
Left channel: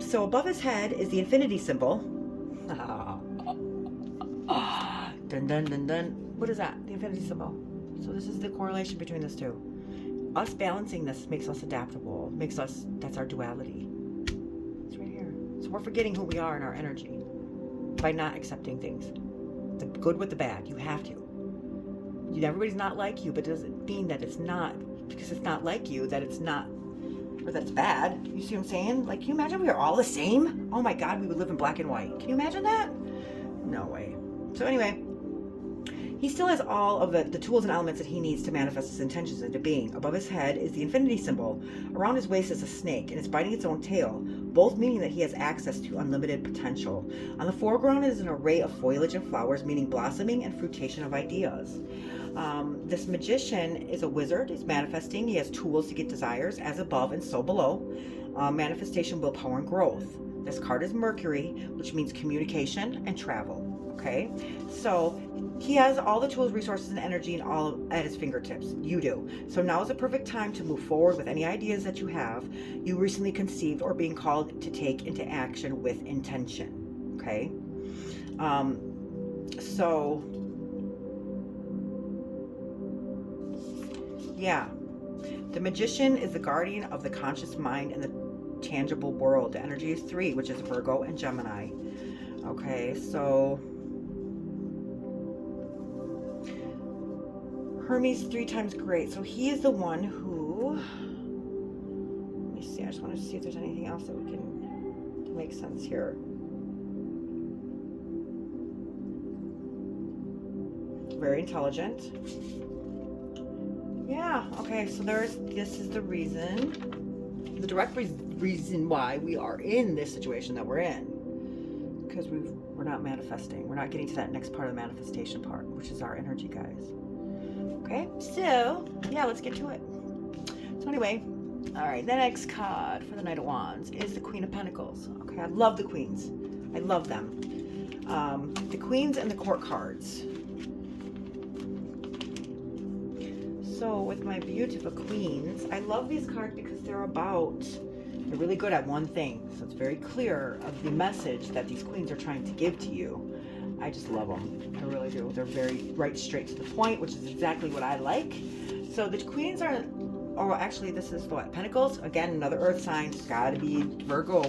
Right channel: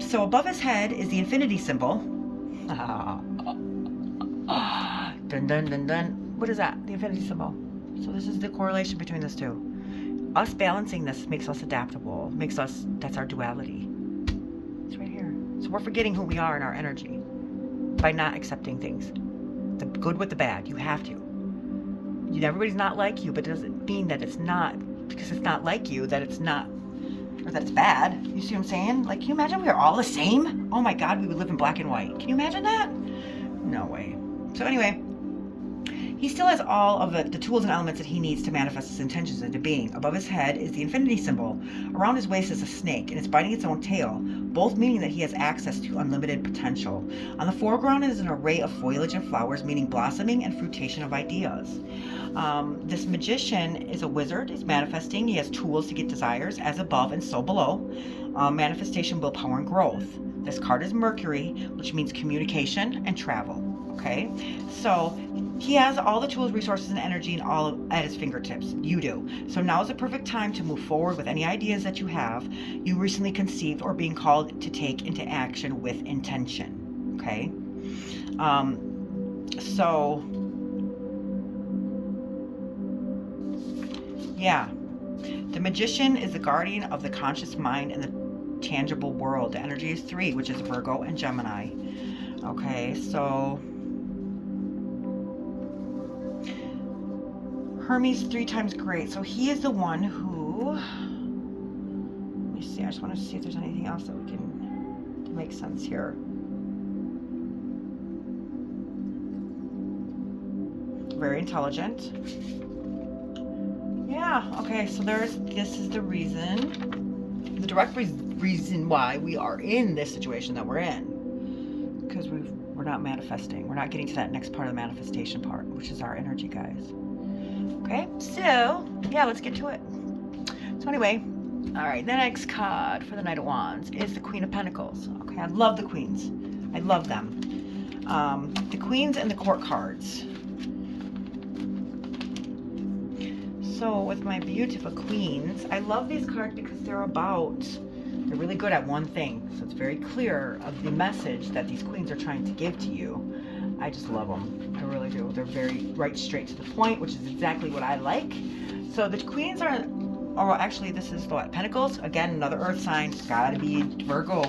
So above his head is the infinity symbol. Dun dun dun dun. What is that? The infinity symbol. So this is the correlation between these two. Us balancing this makes us adaptable, that's our duality. It's right here. So we're forgetting who we are in our energy. by not accepting things. The good with the bad. You have to. Everybody's not like you, but it doesn't mean that it's not, because it's not like you, that it's not, or that it's bad. You see what I'm saying? Like, can you imagine we were all the same? Oh my God, we would live in black and white. Can you imagine that? No way. So anyway, he still has all of the tools and elements that he needs to manifest his intentions into being. Above his head is the infinity symbol. Around his waist is a snake, and it's biting its own tail, both meaning that he has access to unlimited potential. On the foreground is an array of foliage and flowers, meaning blossoming and fruitation of ideas. This magician is a wizard. He's manifesting. He has tools to get desires, as above and so below. Manifestation, willpower, and growth. This card is Mercury, which means communication and travel. Okay, so he has all the tools, resources, and energy and all at his fingertips. You do. So now is the perfect time to move forward with any ideas that you have, you recently conceived, or being called to take into action with intention. Okay, so yeah, the magician is the guardian of the conscious mind and the tangible world. The energy is 3, which is Virgo and Gemini. Okay, so Hermes 3 times great. So he is the one who, let me see, I just want to see if there's anything else that we can, to make sense here. Very intelligent. Yeah, okay, so this is the reason, the direct reason why we are in this situation that we're in. Because we're not manifesting. We're not getting to that next part of the manifestation part, which is our energy, guys. Okay, so yeah, let's get to it. So anyway, all right, the next card for the Knight of Wands is the Queen of Pentacles. Okay, I love the queens. I love them. The queens and the court cards. So with my beautiful queens, I love these cards because they're really good at one thing. So it's very clear of the message that these queens are trying to give to you. I just love them. I really do. They're very right, straight to the point, which is exactly what I like. So the queens are, oh, actually, this is the Pentacles. Again, another earth sign. It's got to be Virgo,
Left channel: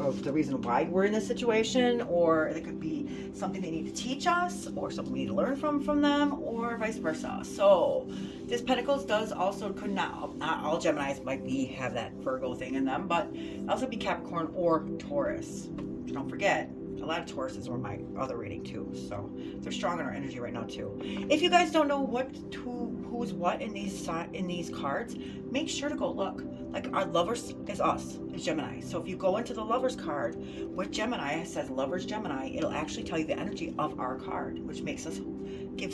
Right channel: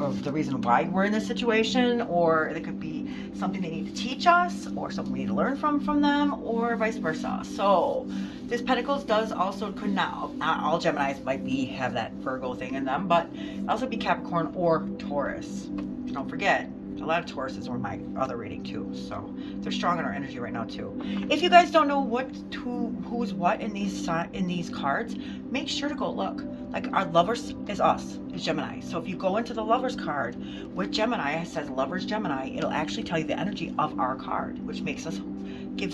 of the reason why we're in this situation, or it could be something they need to teach us, or something we need to learn from them, or vice versa. So this Pentacles does also, could not all Geminis might have that Virgo thing in them, but also be Capricorn or Taurus. Don't forget, a lot of Tauruses were my other reading too, so they're strong in our energy right now too. If you guys don't know who's what in these cards, make sure to go look. Like, our Lovers is us, is Gemini. So if you go into the Lovers card with Gemini, it says Lovers Gemini, it'll actually tell you the energy of our card, which gives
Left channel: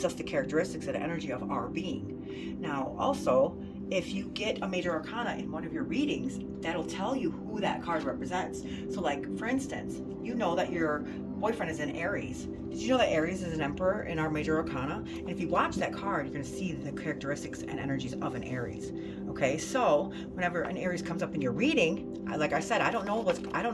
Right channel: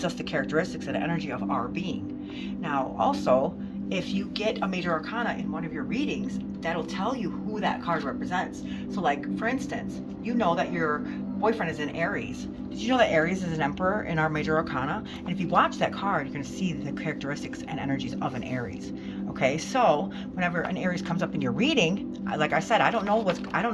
us the characteristics and the energy of our being. Now, also, if you get a major arcana in one of your readings, that'll tell you who that card represents. So like, for instance, you know that your boyfriend is in Aries. Did you know that Aries is an emperor in our major arcana? And if you watch that card, you're going to see the characteristics and energies of an Aries. Okay, so whenever an Aries comes up in your reading, like I said, I don't know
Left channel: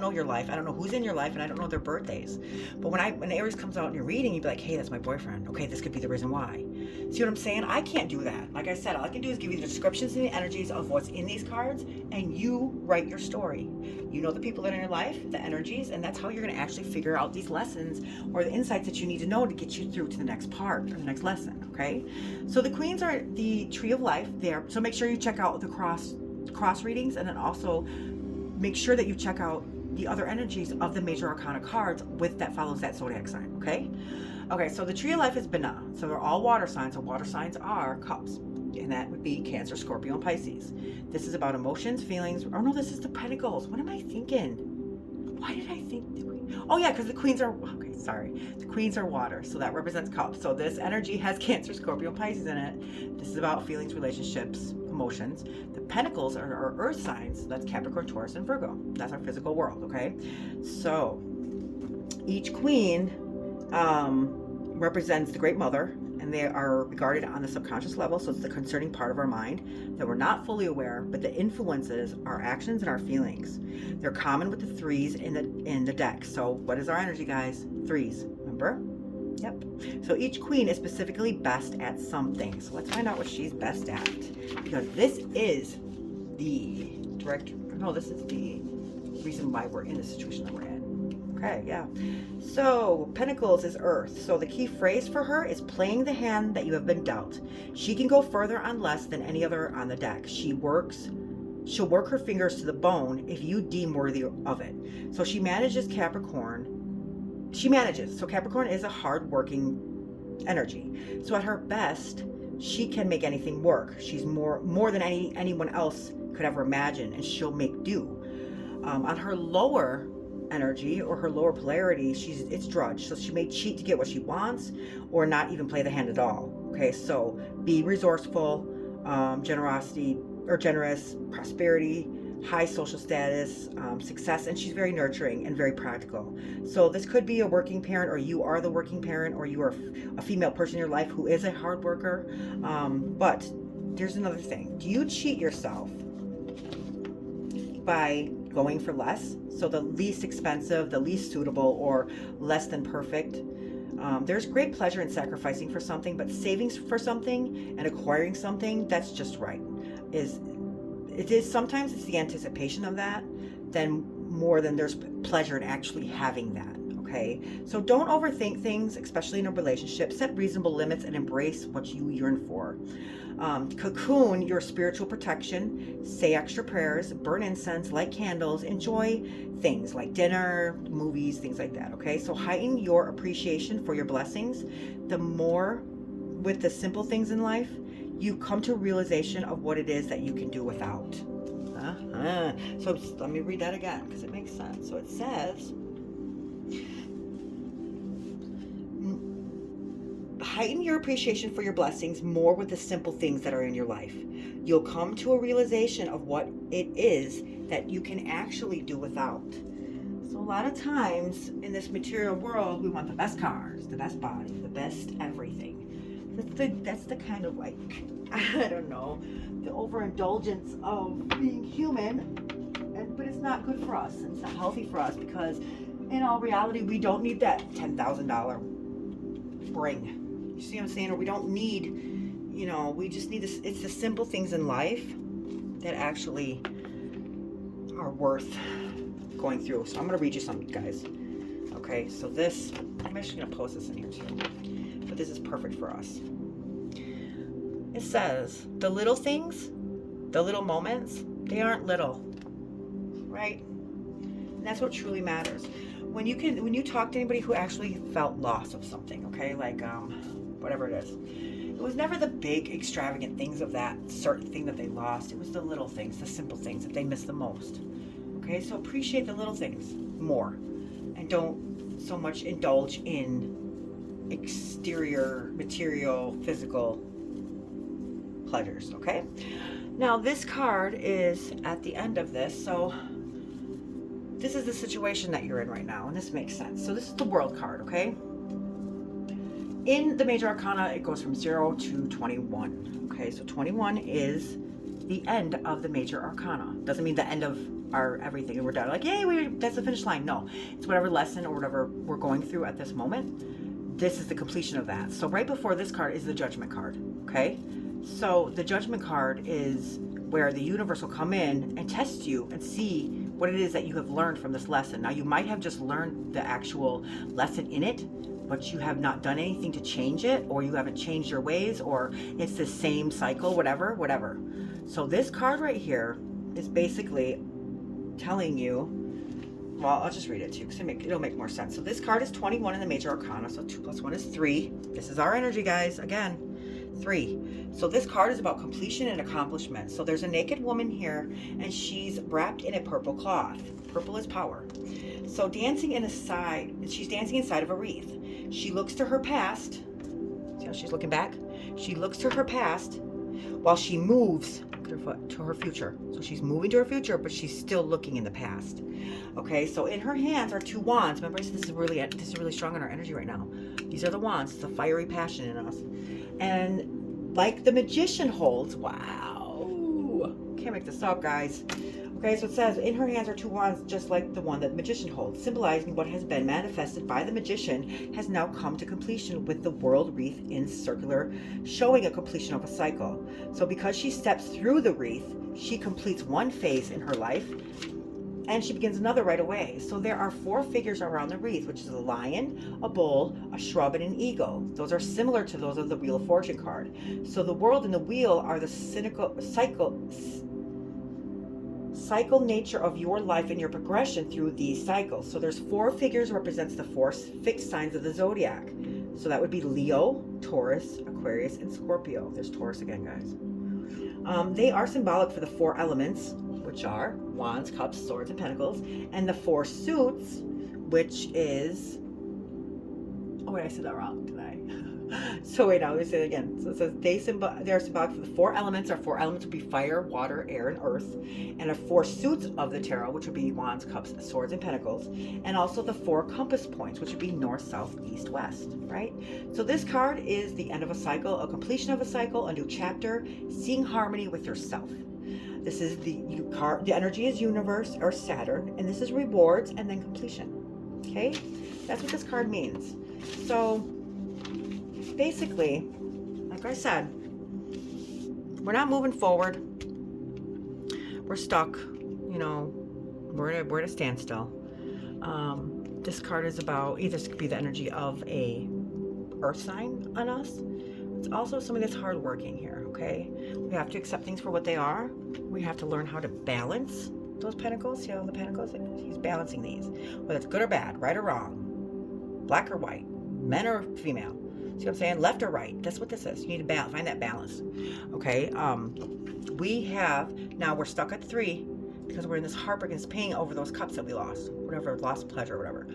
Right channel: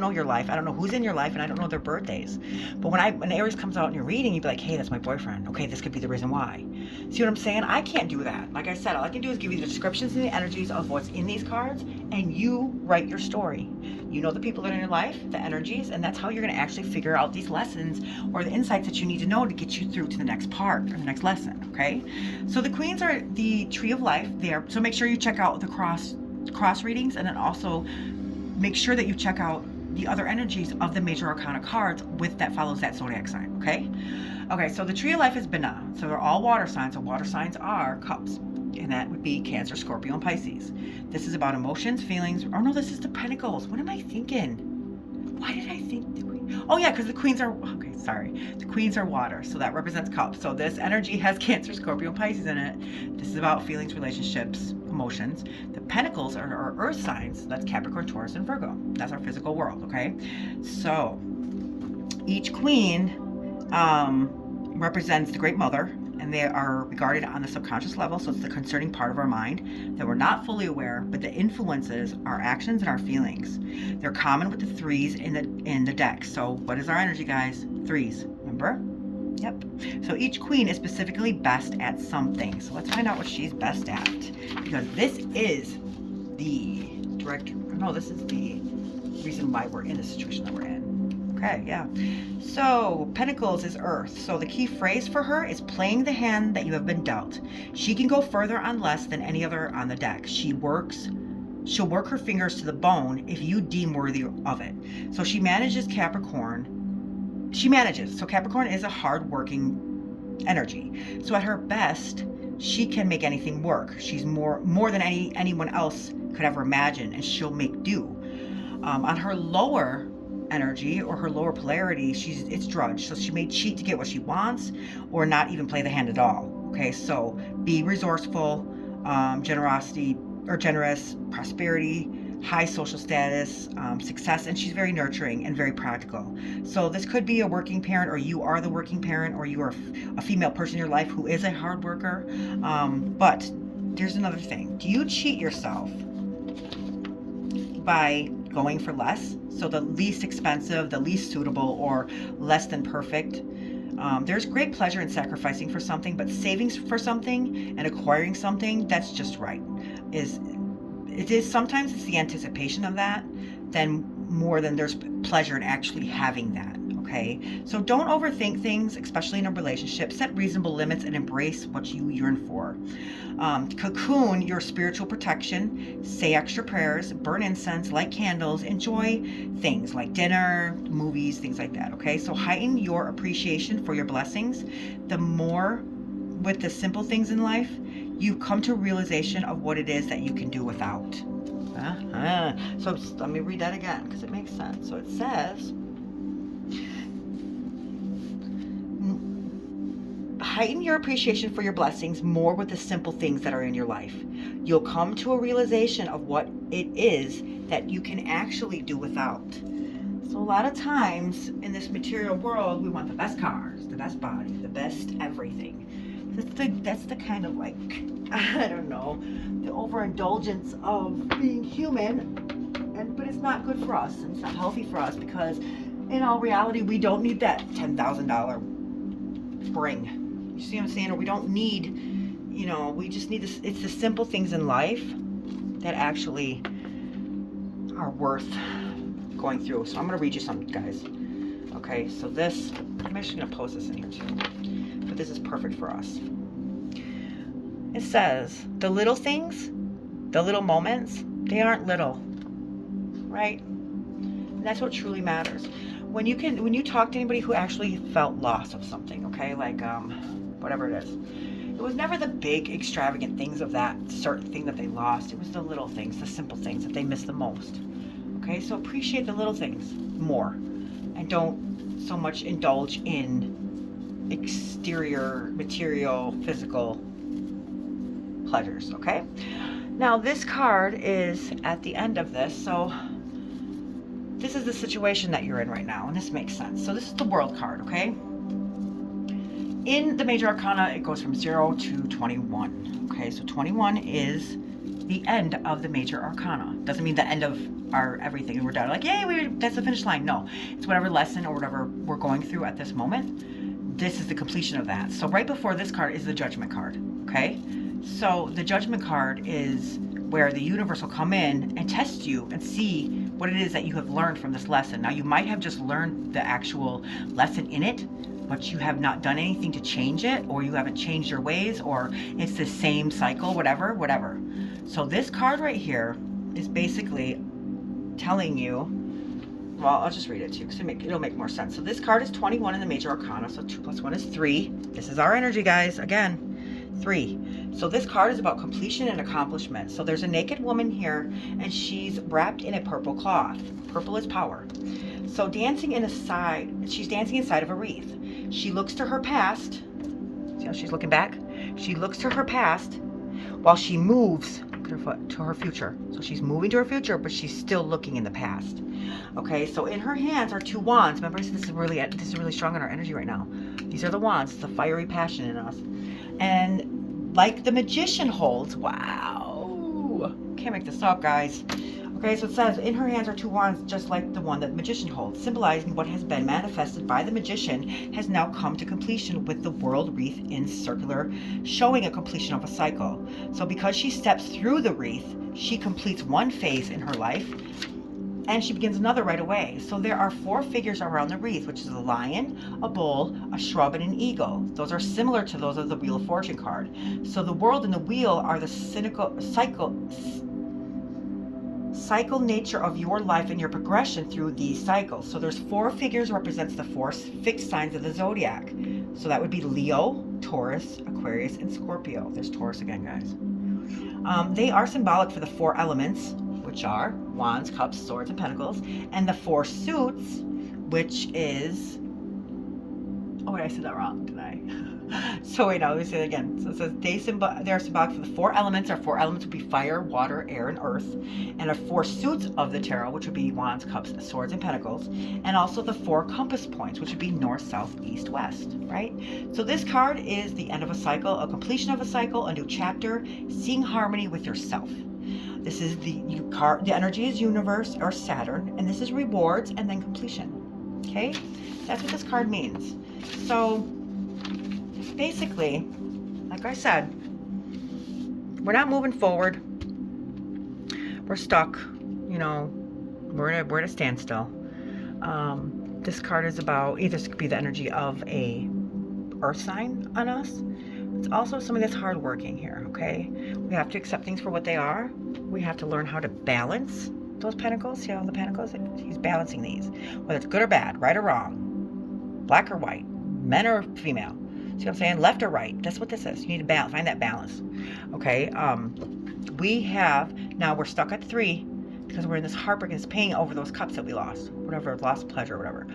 your life. I don't know who's in your life, and I don't know their birthdays. But when Aries comes out in your reading, you'd be like, hey, that's my boyfriend. Okay, this could be the reason why. See what I'm saying? I can't do that. Like I said, all I can do is give you the descriptions and the energies of what's in these cards, and you write your story. You know the people that are in your life, the energies, and that's how you're going to actually figure out these lessons or the insights that you need to know to get you through to the next part or the next lesson. Okay, so the queens are the tree of life there, so make sure you check out the cross readings, and then also make sure that you check out the other energies of the major arcana cards that follows that zodiac sign. Okay, so the tree of life is Bina, so they're all water signs, and water signs are cups, and that would be Cancer, Scorpio, and Pisces. This is about emotions, feelings. Oh no, this is the Pentacles. What am I thinking? Why did I think the queen? Oh yeah, because the queens are, okay, sorry. The queens are water, so that represents cups. So this energy has Cancer, Scorpio, and Pisces in it. This is about feelings, relationships, emotions. The Pentacles are our earth signs. That's Capricorn, Taurus, and Virgo. That's our physical world, okay? So each queen represents the Great Mother, and they are regarded on the subconscious level, so it's the concerning part of our mind that we're not fully aware, but the influences our actions and our feelings. They're common with the threes in the deck. So what is our energy, guys? Threes, remember? Yep. So each queen is specifically best at something. So let's find out what she's best at, because this is the reason why we're in the situation that we're in. Okay, yeah. So, Pentacles is Earth. So the key phrase for her is playing the hand that you have been dealt. She can go further on less than any other on the deck. She'll work her fingers to the bone if you deem worthy of it. So she manages Capricorn. She manages. So Capricorn is a hard-working energy. So at her best, she can make anything work. She's more than anyone else could ever imagine, and she'll make do. On her lower energy or her lower polarity, it's drudge. So she may cheat to get what she wants, or not even play the hand at all. Okay, so be resourceful, generous, prosperity, high social status, success, and she's very nurturing and very practical. So this could be a working parent, or you are the working parent, or you are a female person in your life who is a hard worker. But there's another thing. Do you cheat yourself by going for less? So the least expensive, the least suitable, or less than perfect. There's great pleasure in sacrificing for something, but saving for something and acquiring something that's just right. Sometimes it's the anticipation of that more than there's pleasure in actually having that. Okay, so don't overthink things, especially in a relationship. Set reasonable limits and embrace what you yearn for. Cocoon your spiritual protection, say extra prayers, burn incense, light candles, enjoy things like dinner, movies, things like that. Okay, so heighten your appreciation for your blessings. The more with the simple things in life, you come to a realization of what it is that you can do without. So let me read that again because it makes sense. So it says, heighten your appreciation for your blessings more with the simple things that are in your life. You'll come to a realization of what it is that you can actually do without. So a lot of times in this material world, we want the best cars, the best body, the best everything. That's the kind of, like, I don't know, the overindulgence of being human, but it's not good for us. It's not healthy for us, because in all reality, we don't need that $10,000 ring. You see what I'm saying? Or we don't need, we just need this. It's the simple things in life that actually are worth going through. So I'm going to read you something, guys. Okay, so this, I'm actually going to post this in here too. But this is perfect for us. It says, the little things, the little moments, they aren't little, right? And that's what truly matters. When you talk to anybody who actually felt loss of something, okay, like whatever it is, it was never the big extravagant things of that certain thing that they lost. It was the little things, the simple things that they missed the most. Okay, so appreciate the little things more, and don't so much indulge in exterior, material, physical pleasures. Okay, now this card is at the end of this, so this is the situation that you're in right now, and this makes sense. So this is the World card. Okay, in the major arcana, it goes from 0 to 21. Okay, so 21 is the end of the major arcana. Doesn't mean the end of our everything and we're done, like, yay, that's the finish line. No, it's whatever lesson or whatever we're going through at this moment, this is the completion of that. So right before this card is the Judgment card. Okay, so the Judgment card is where the universe will come in and test you and see what it is that you have learned from this lesson. Now, you might have just learned the actual lesson in it, but you have not done anything to change it, or you haven't changed your ways, or it's the same cycle, whatever. So this card right here is basically telling you, well, I'll just read it to you because it'll make more sense. So this card is 21 in the major arcana, so 2 + 1 is 3. This is our energy, guys. Again, 3. So this card is about completion and accomplishment. So there's a naked woman here, and she's wrapped in a purple cloth. Purple is power. So she's dancing inside of a wreath. She looks to her past. See how she's looking back? She looks to her past while she moves to her future. So she's moving to her future, but she's still looking in the past. Okay, so in her hands are 2 wands. Remember, I said this is really strong in our energy right now. These are the wands. It's the fiery passion in us. And like the magician holds, wow, can't make this up, guys. Okay, so it says in her hands are 2 wands, just like the one that the magician holds, symbolizing what has been manifested by the magician has now come to completion with the world wreath in circular, showing a completion of a cycle. So because she steps through the wreath, she completes one phase in her life, And she begins another right away. So there are 4 figures around the wreath, which is a lion, a bull, a shrub, and an eagle. Those are similar to those of the Wheel of Fortune card. So the world and the wheel are the cycle nature of your life and your progression through these cycles. So there's 4 figures represents the 4 fixed signs of the zodiac. So that would be Leo, Taurus, Aquarius, and Scorpio. There's Taurus again, guys. They are symbolic for the 4 elements, which are Wands, Cups, Swords, and Pentacles, and the 4 suits, which is, oh wait, I said that wrong, didn't I? So wait, now let me say it again. So it says they are symbolic for the 4 elements. Our 4 elements would be fire, water, air, and earth, and our 4 suits of the tarot, which would be Wands, Cups, Swords, and Pentacles, and also the 4 compass points, which would be north, south, east, west, right? So this card is the end of a cycle, a completion of a cycle, a new chapter, seeing harmony with yourself. This is the energy is universe or Saturn, and this is rewards and then completion. Okay, that's what this card means. So basically, like I said, we're not moving forward. We're stuck. You know, we're at a standstill. This card is about either this could be the energy of a earth sign on us. It's also somebody that's hardworking here. Okay, we have to accept things for what they are. We have to learn how to balance those pentacles. See how the pentacles? He's balancing these, whether it's good or bad, right or wrong, black or white, men or female. See what I'm saying? Left or right. That's what this is. You need to balance, find that balance. Okay. We're stuck at 3 because we're in this heartbreak and this pain over those cups that we lost, whatever, lost pleasure, whatever.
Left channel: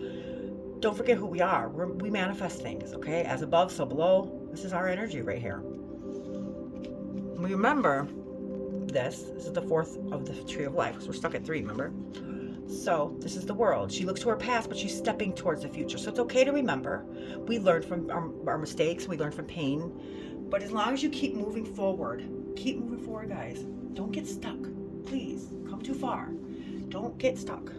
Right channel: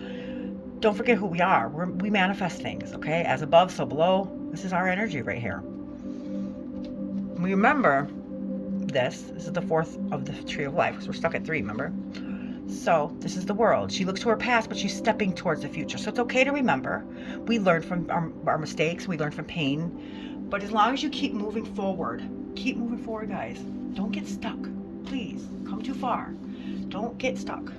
Don't forget who we are. We manifest things. Okay. As above, so below. This is our energy right here. We remember this is the 4th of the Tree of Life because we're stuck at 3, remember? So this is the world. She looks to her past, but she's stepping towards the future. So it's okay to remember. We learn from our mistakes. We learn from pain. But as long as you keep moving forward, guys. Don't get stuck. Please, come too far. Don't get stuck.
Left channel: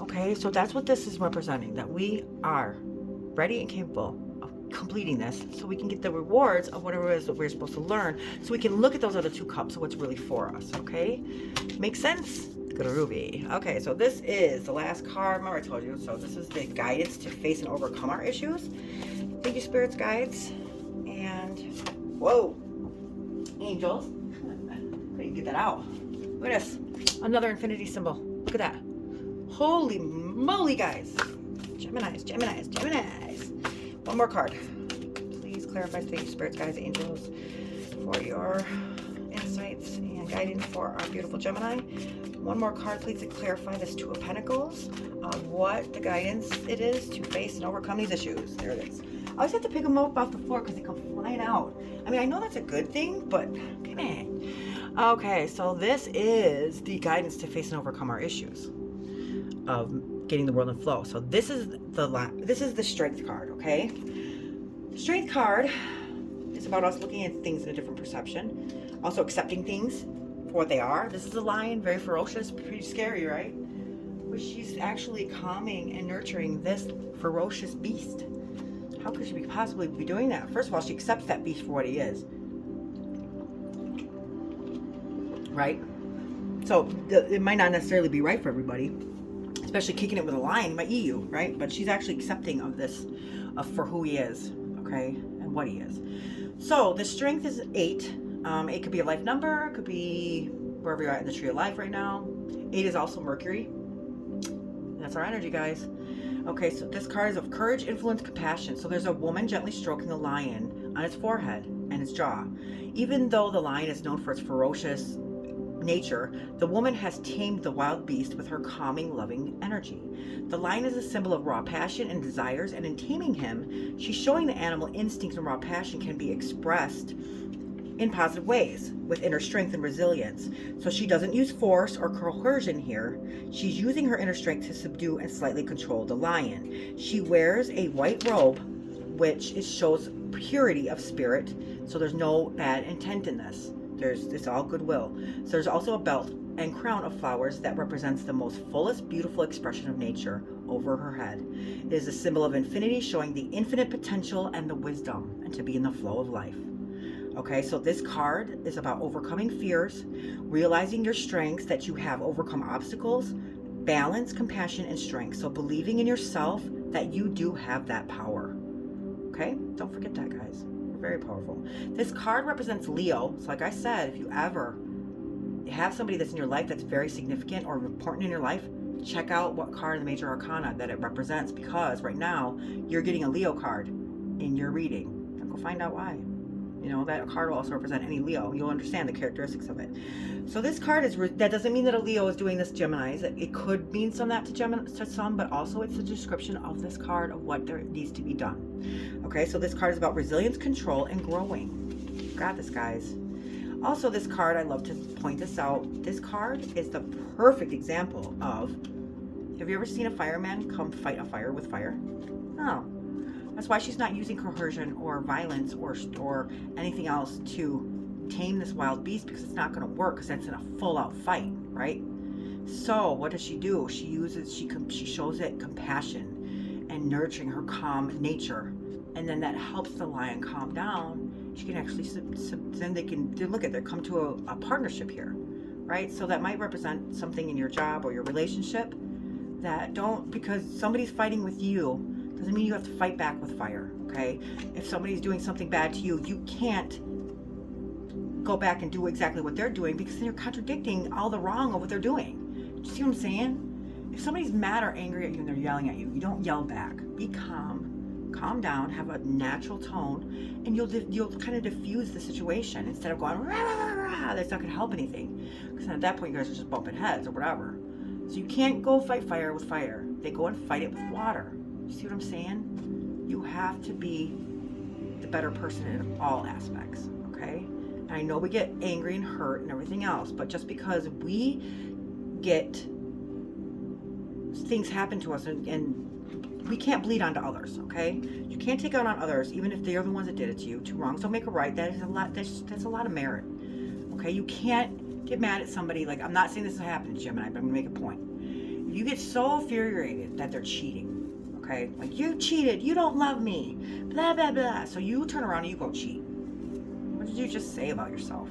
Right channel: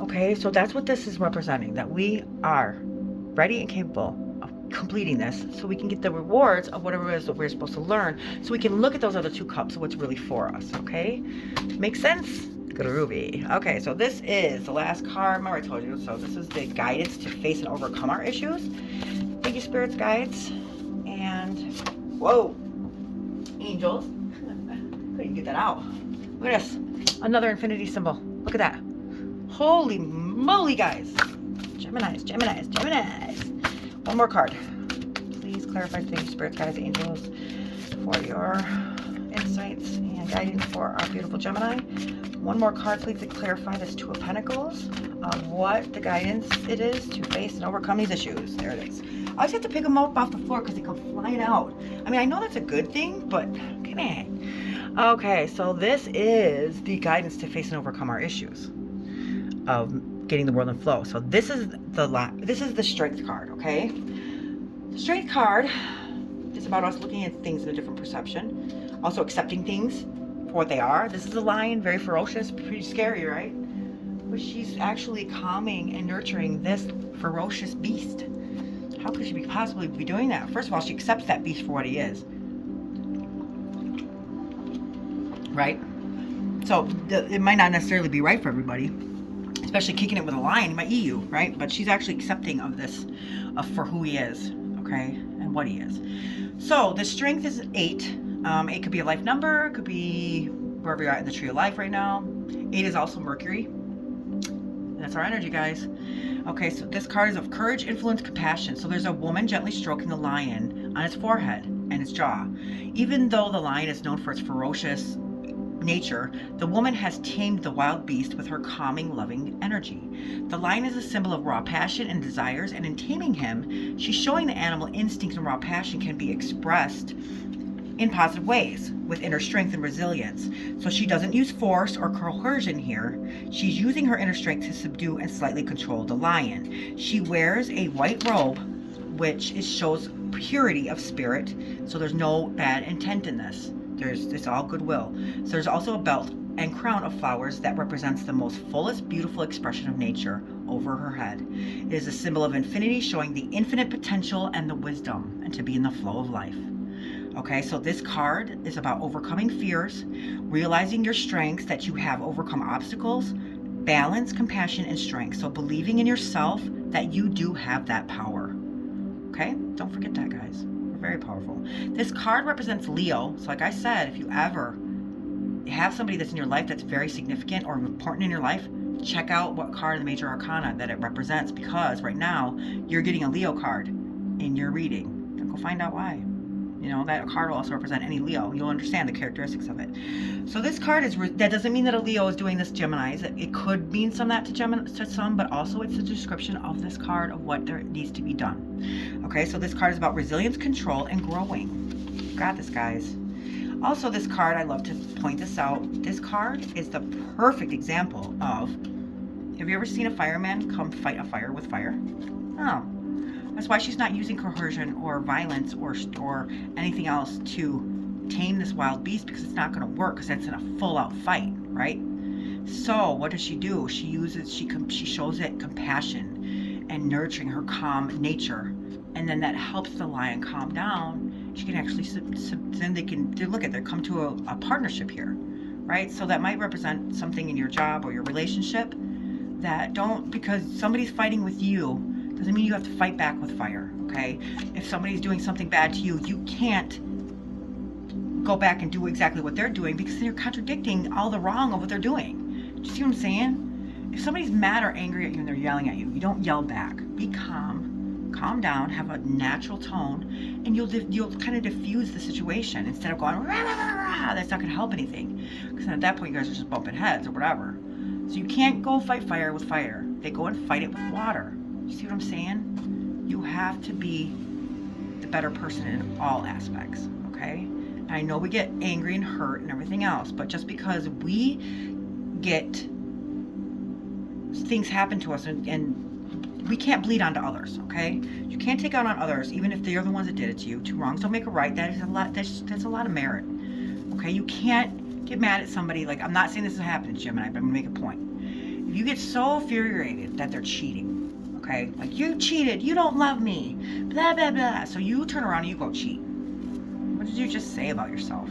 Okay, so that's what this is representing, that we are ready and capable of completing this so we can get the rewards of whatever it is that we're supposed to learn, so we can look at those other 2 cups of what's really for us, okay? Makes sense? Groovy. Okay, so this is the last card. Remember I told you, so this is the guidance to face and overcome our issues. Thank you, spirits, guides, and whoa, angels. Couldn't get that out. Look at this. Another infinity symbol. Look at that. Holy moly, guys. Geminis, Geminis, Geminis. One more card. Please clarify. Thank you, spirits, guides, angels, for your insights and guidance for our beautiful Gemini. One more card, please, to clarify this 2 of Pentacles, what the guidance it is to face and overcome these issues. There it is. I always have to pick them up off the floor because they come flying out. I mean, I know that's a good thing, but come on. Okay, so this is the guidance to face and overcome our issues of getting the world in flow. So this is the Strength card, okay? The Strength card is about us looking at things in a different perception, also accepting things for what they are. This is a lion, very ferocious, pretty scary, right? But she's actually calming and nurturing this ferocious beast. How could she possibly be doing that? First of all, she accepts that beast for what he is, right? So it might not necessarily be right for everybody, especially kicking it with a lion. He might eat you, right? But she's actually accepting of this, for who he is, okay, and what he is. So the Strength is 8. It could be a life number, it could be wherever you're at in the Tree of Life right now. 8 is also Mercury. And that's our energy, guys. Okay, so this card is of courage, influence, compassion. So there's a woman gently stroking a lion on its forehead and its jaw. Even though the lion is known for its ferocious nature, the woman has tamed the wild beast with her calming, loving energy. The lion is a symbol of raw passion and desires, and in taming him, she's showing the animal instinct and raw passion can be expressed in positive ways with inner strength and resilience. So she doesn't use force or coercion here. She's using her inner strength to subdue and slightly control the lion. She wears a white robe, which shows purity of spirit. So there's no bad intent in this. It's all goodwill. So there's also a belt and crown of flowers that represents the most fullest, beautiful expression of nature over her head. It is a symbol of infinity, showing the infinite potential and the wisdom and to be in the flow of life. Okay, so this card is about overcoming fears, realizing your strengths, that you have overcome obstacles, balance, compassion, and strength. So believing in yourself that you do have that power. Okay? Don't forget that, guys. We're very powerful. This card represents Leo. So like I said, if you ever have somebody that's in your life that's very significant or important in your life, check out what card in the major arcana that it represents, because right now you're getting a Leo card in your reading. Go find out why. You know, that card will also represent any Leo. You'll understand the characteristics of it. So this card is, that doesn't mean that a Leo is doing this Geminis. It could mean some that to Gemini, to some, but also it's a description of this card of what there needs to be done. Okay, so this card is about resilience, control, and growing. Got this, guys. Also, this card, I love to point this out. This card is the perfect example of, have you ever seen a fireman come fight a fire with fire? No. That's why she's not using coercion or violence or anything else to tame this wild beast, because it's not going to work, because that's in a full-out fight, right? So what does she do? She shows it compassion and nurturing her calm nature, and then that helps the lion calm down. She can actually then they come to a partnership here, right? So that might represent something in your job or your relationship that because somebody's fighting with you doesn't mean you have to fight back with fire, okay? If somebody's doing something bad to you, you can't go back and do exactly what they're doing, because you're contradicting all the wrong of what they're doing. Do you see what I'm saying? If somebody's mad or angry at you and they're yelling at you, you don't yell back. Be calm down, have a natural tone, and you'll kind of diffuse the situation instead of going, rah, rah, rah, rah. That's not going to help anything, because at that point you guys are just bumping heads or whatever. So you can't go fight fire with fire. They go and fight it with water. You see what I'm saying? You have to be the better person in all aspects, okay? And I know we get angry and hurt and everything else, but just because we get things happen to us and we can't bleed onto others, okay? You can't take out on others, even if they're the ones that did it to you. Two wrongs don't make a right. That is a lot. That's a lot of merit, okay? You can't get mad at somebody. Like, I'm not saying this is happening to Gemini, but I'm gonna make a point. If you get so infuriated that they're cheating, okay, like, you cheated, you don't love me, blah blah blah, so you turn around and you go cheat. What did you just say about yourself?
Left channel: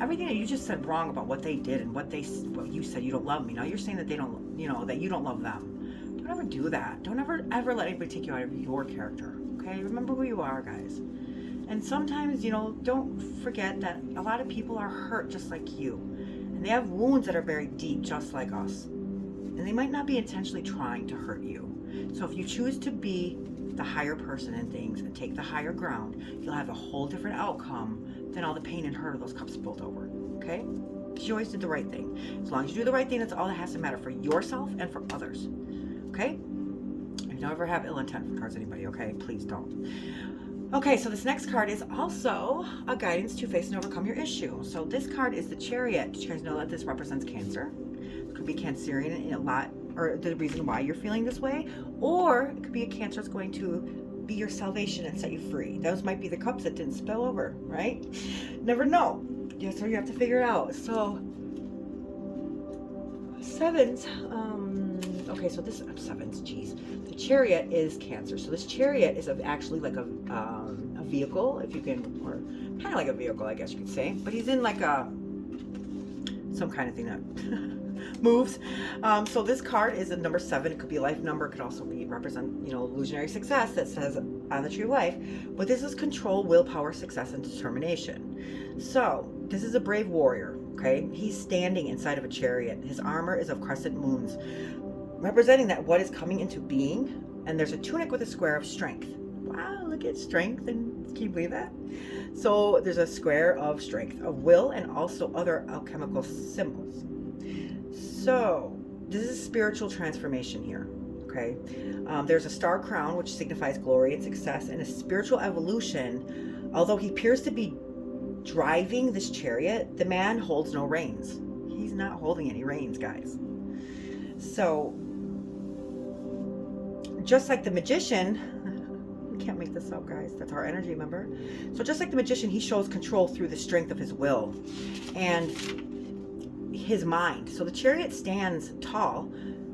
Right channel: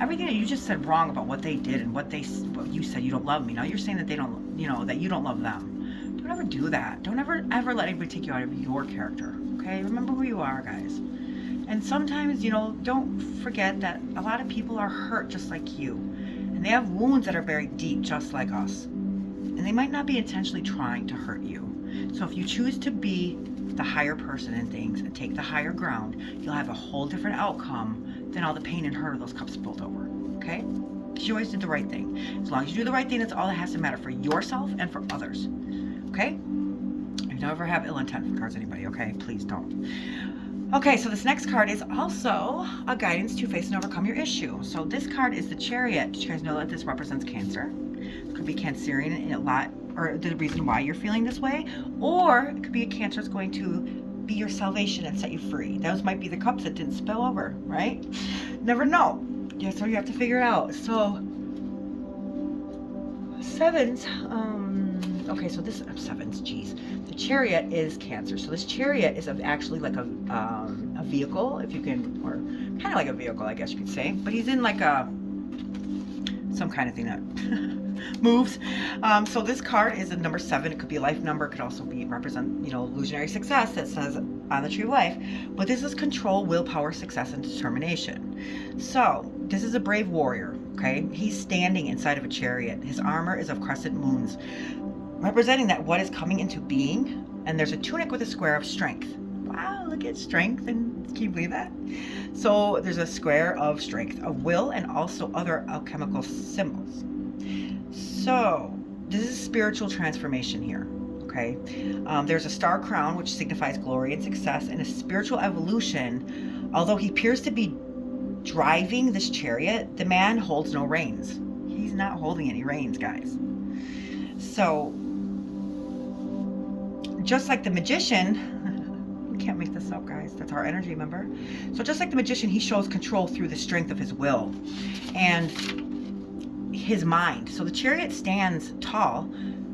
Everything that you just said wrong about what they did and what you said, you don't love me. Now you're saying that they don't, that you don't love them. Don't ever do that. Don't ever let anybody take you out of your character, okay? Remember who you are, guys. And sometimes, don't forget that a lot of people are hurt just like you, and they have wounds that are very deep just like us, and they might not be intentionally trying to hurt you. So if you choose to be the higher person in things and take the higher ground, you'll have a whole different outcome than all the pain and hurt of those cups spilled over, okay? Because you always did the right thing. As long as you do the right thing, that's all that has to matter for yourself and for others, okay? You never have ill intent towards anybody, okay? Please don't. Okay, so this next card is also a guidance to face and overcome your issue. So this card is the Chariot. Did you guys know that this represents Cancer? It could be Cancerian in a lot, or the reason why you're feeling this way, or it could be a Cancer that's going to be your salvation and set you free. Those might be the cups that didn't spill over, right? Never know. Yeah, so you have to figure it out. So sevens, okay, so this sevens, geez. The Chariot is Cancer. So this Chariot is actually like a vehicle, if you can, or kind of like a vehicle, I guess you could say. But he's in like some kind of thing that moves. So this card is a number 7. It could be a life number. It could also be represent, illusionary success that says on the Tree of Life. But this is control, willpower, success, and determination. So this is a brave warrior. Okay, he's standing inside of a chariot. His armor is of crescent moons, representing that what is coming into being. And there's a tunic with a square of strength. Wow, look at strength, and can you believe that? So there's a square of strength, of will, and also other alchemical symbols. So this is spiritual transformation here. Okay, there's a star crown, which signifies glory and success, and a spiritual evolution. Although he appears to be driving this chariot, the man holds no reins. He's not holding any reins, guys. So just like the magician, we can't make this up, guys, that's our energy, remember? So just like the magician, he shows control through the strength of his will and his mind. So the chariot stands tall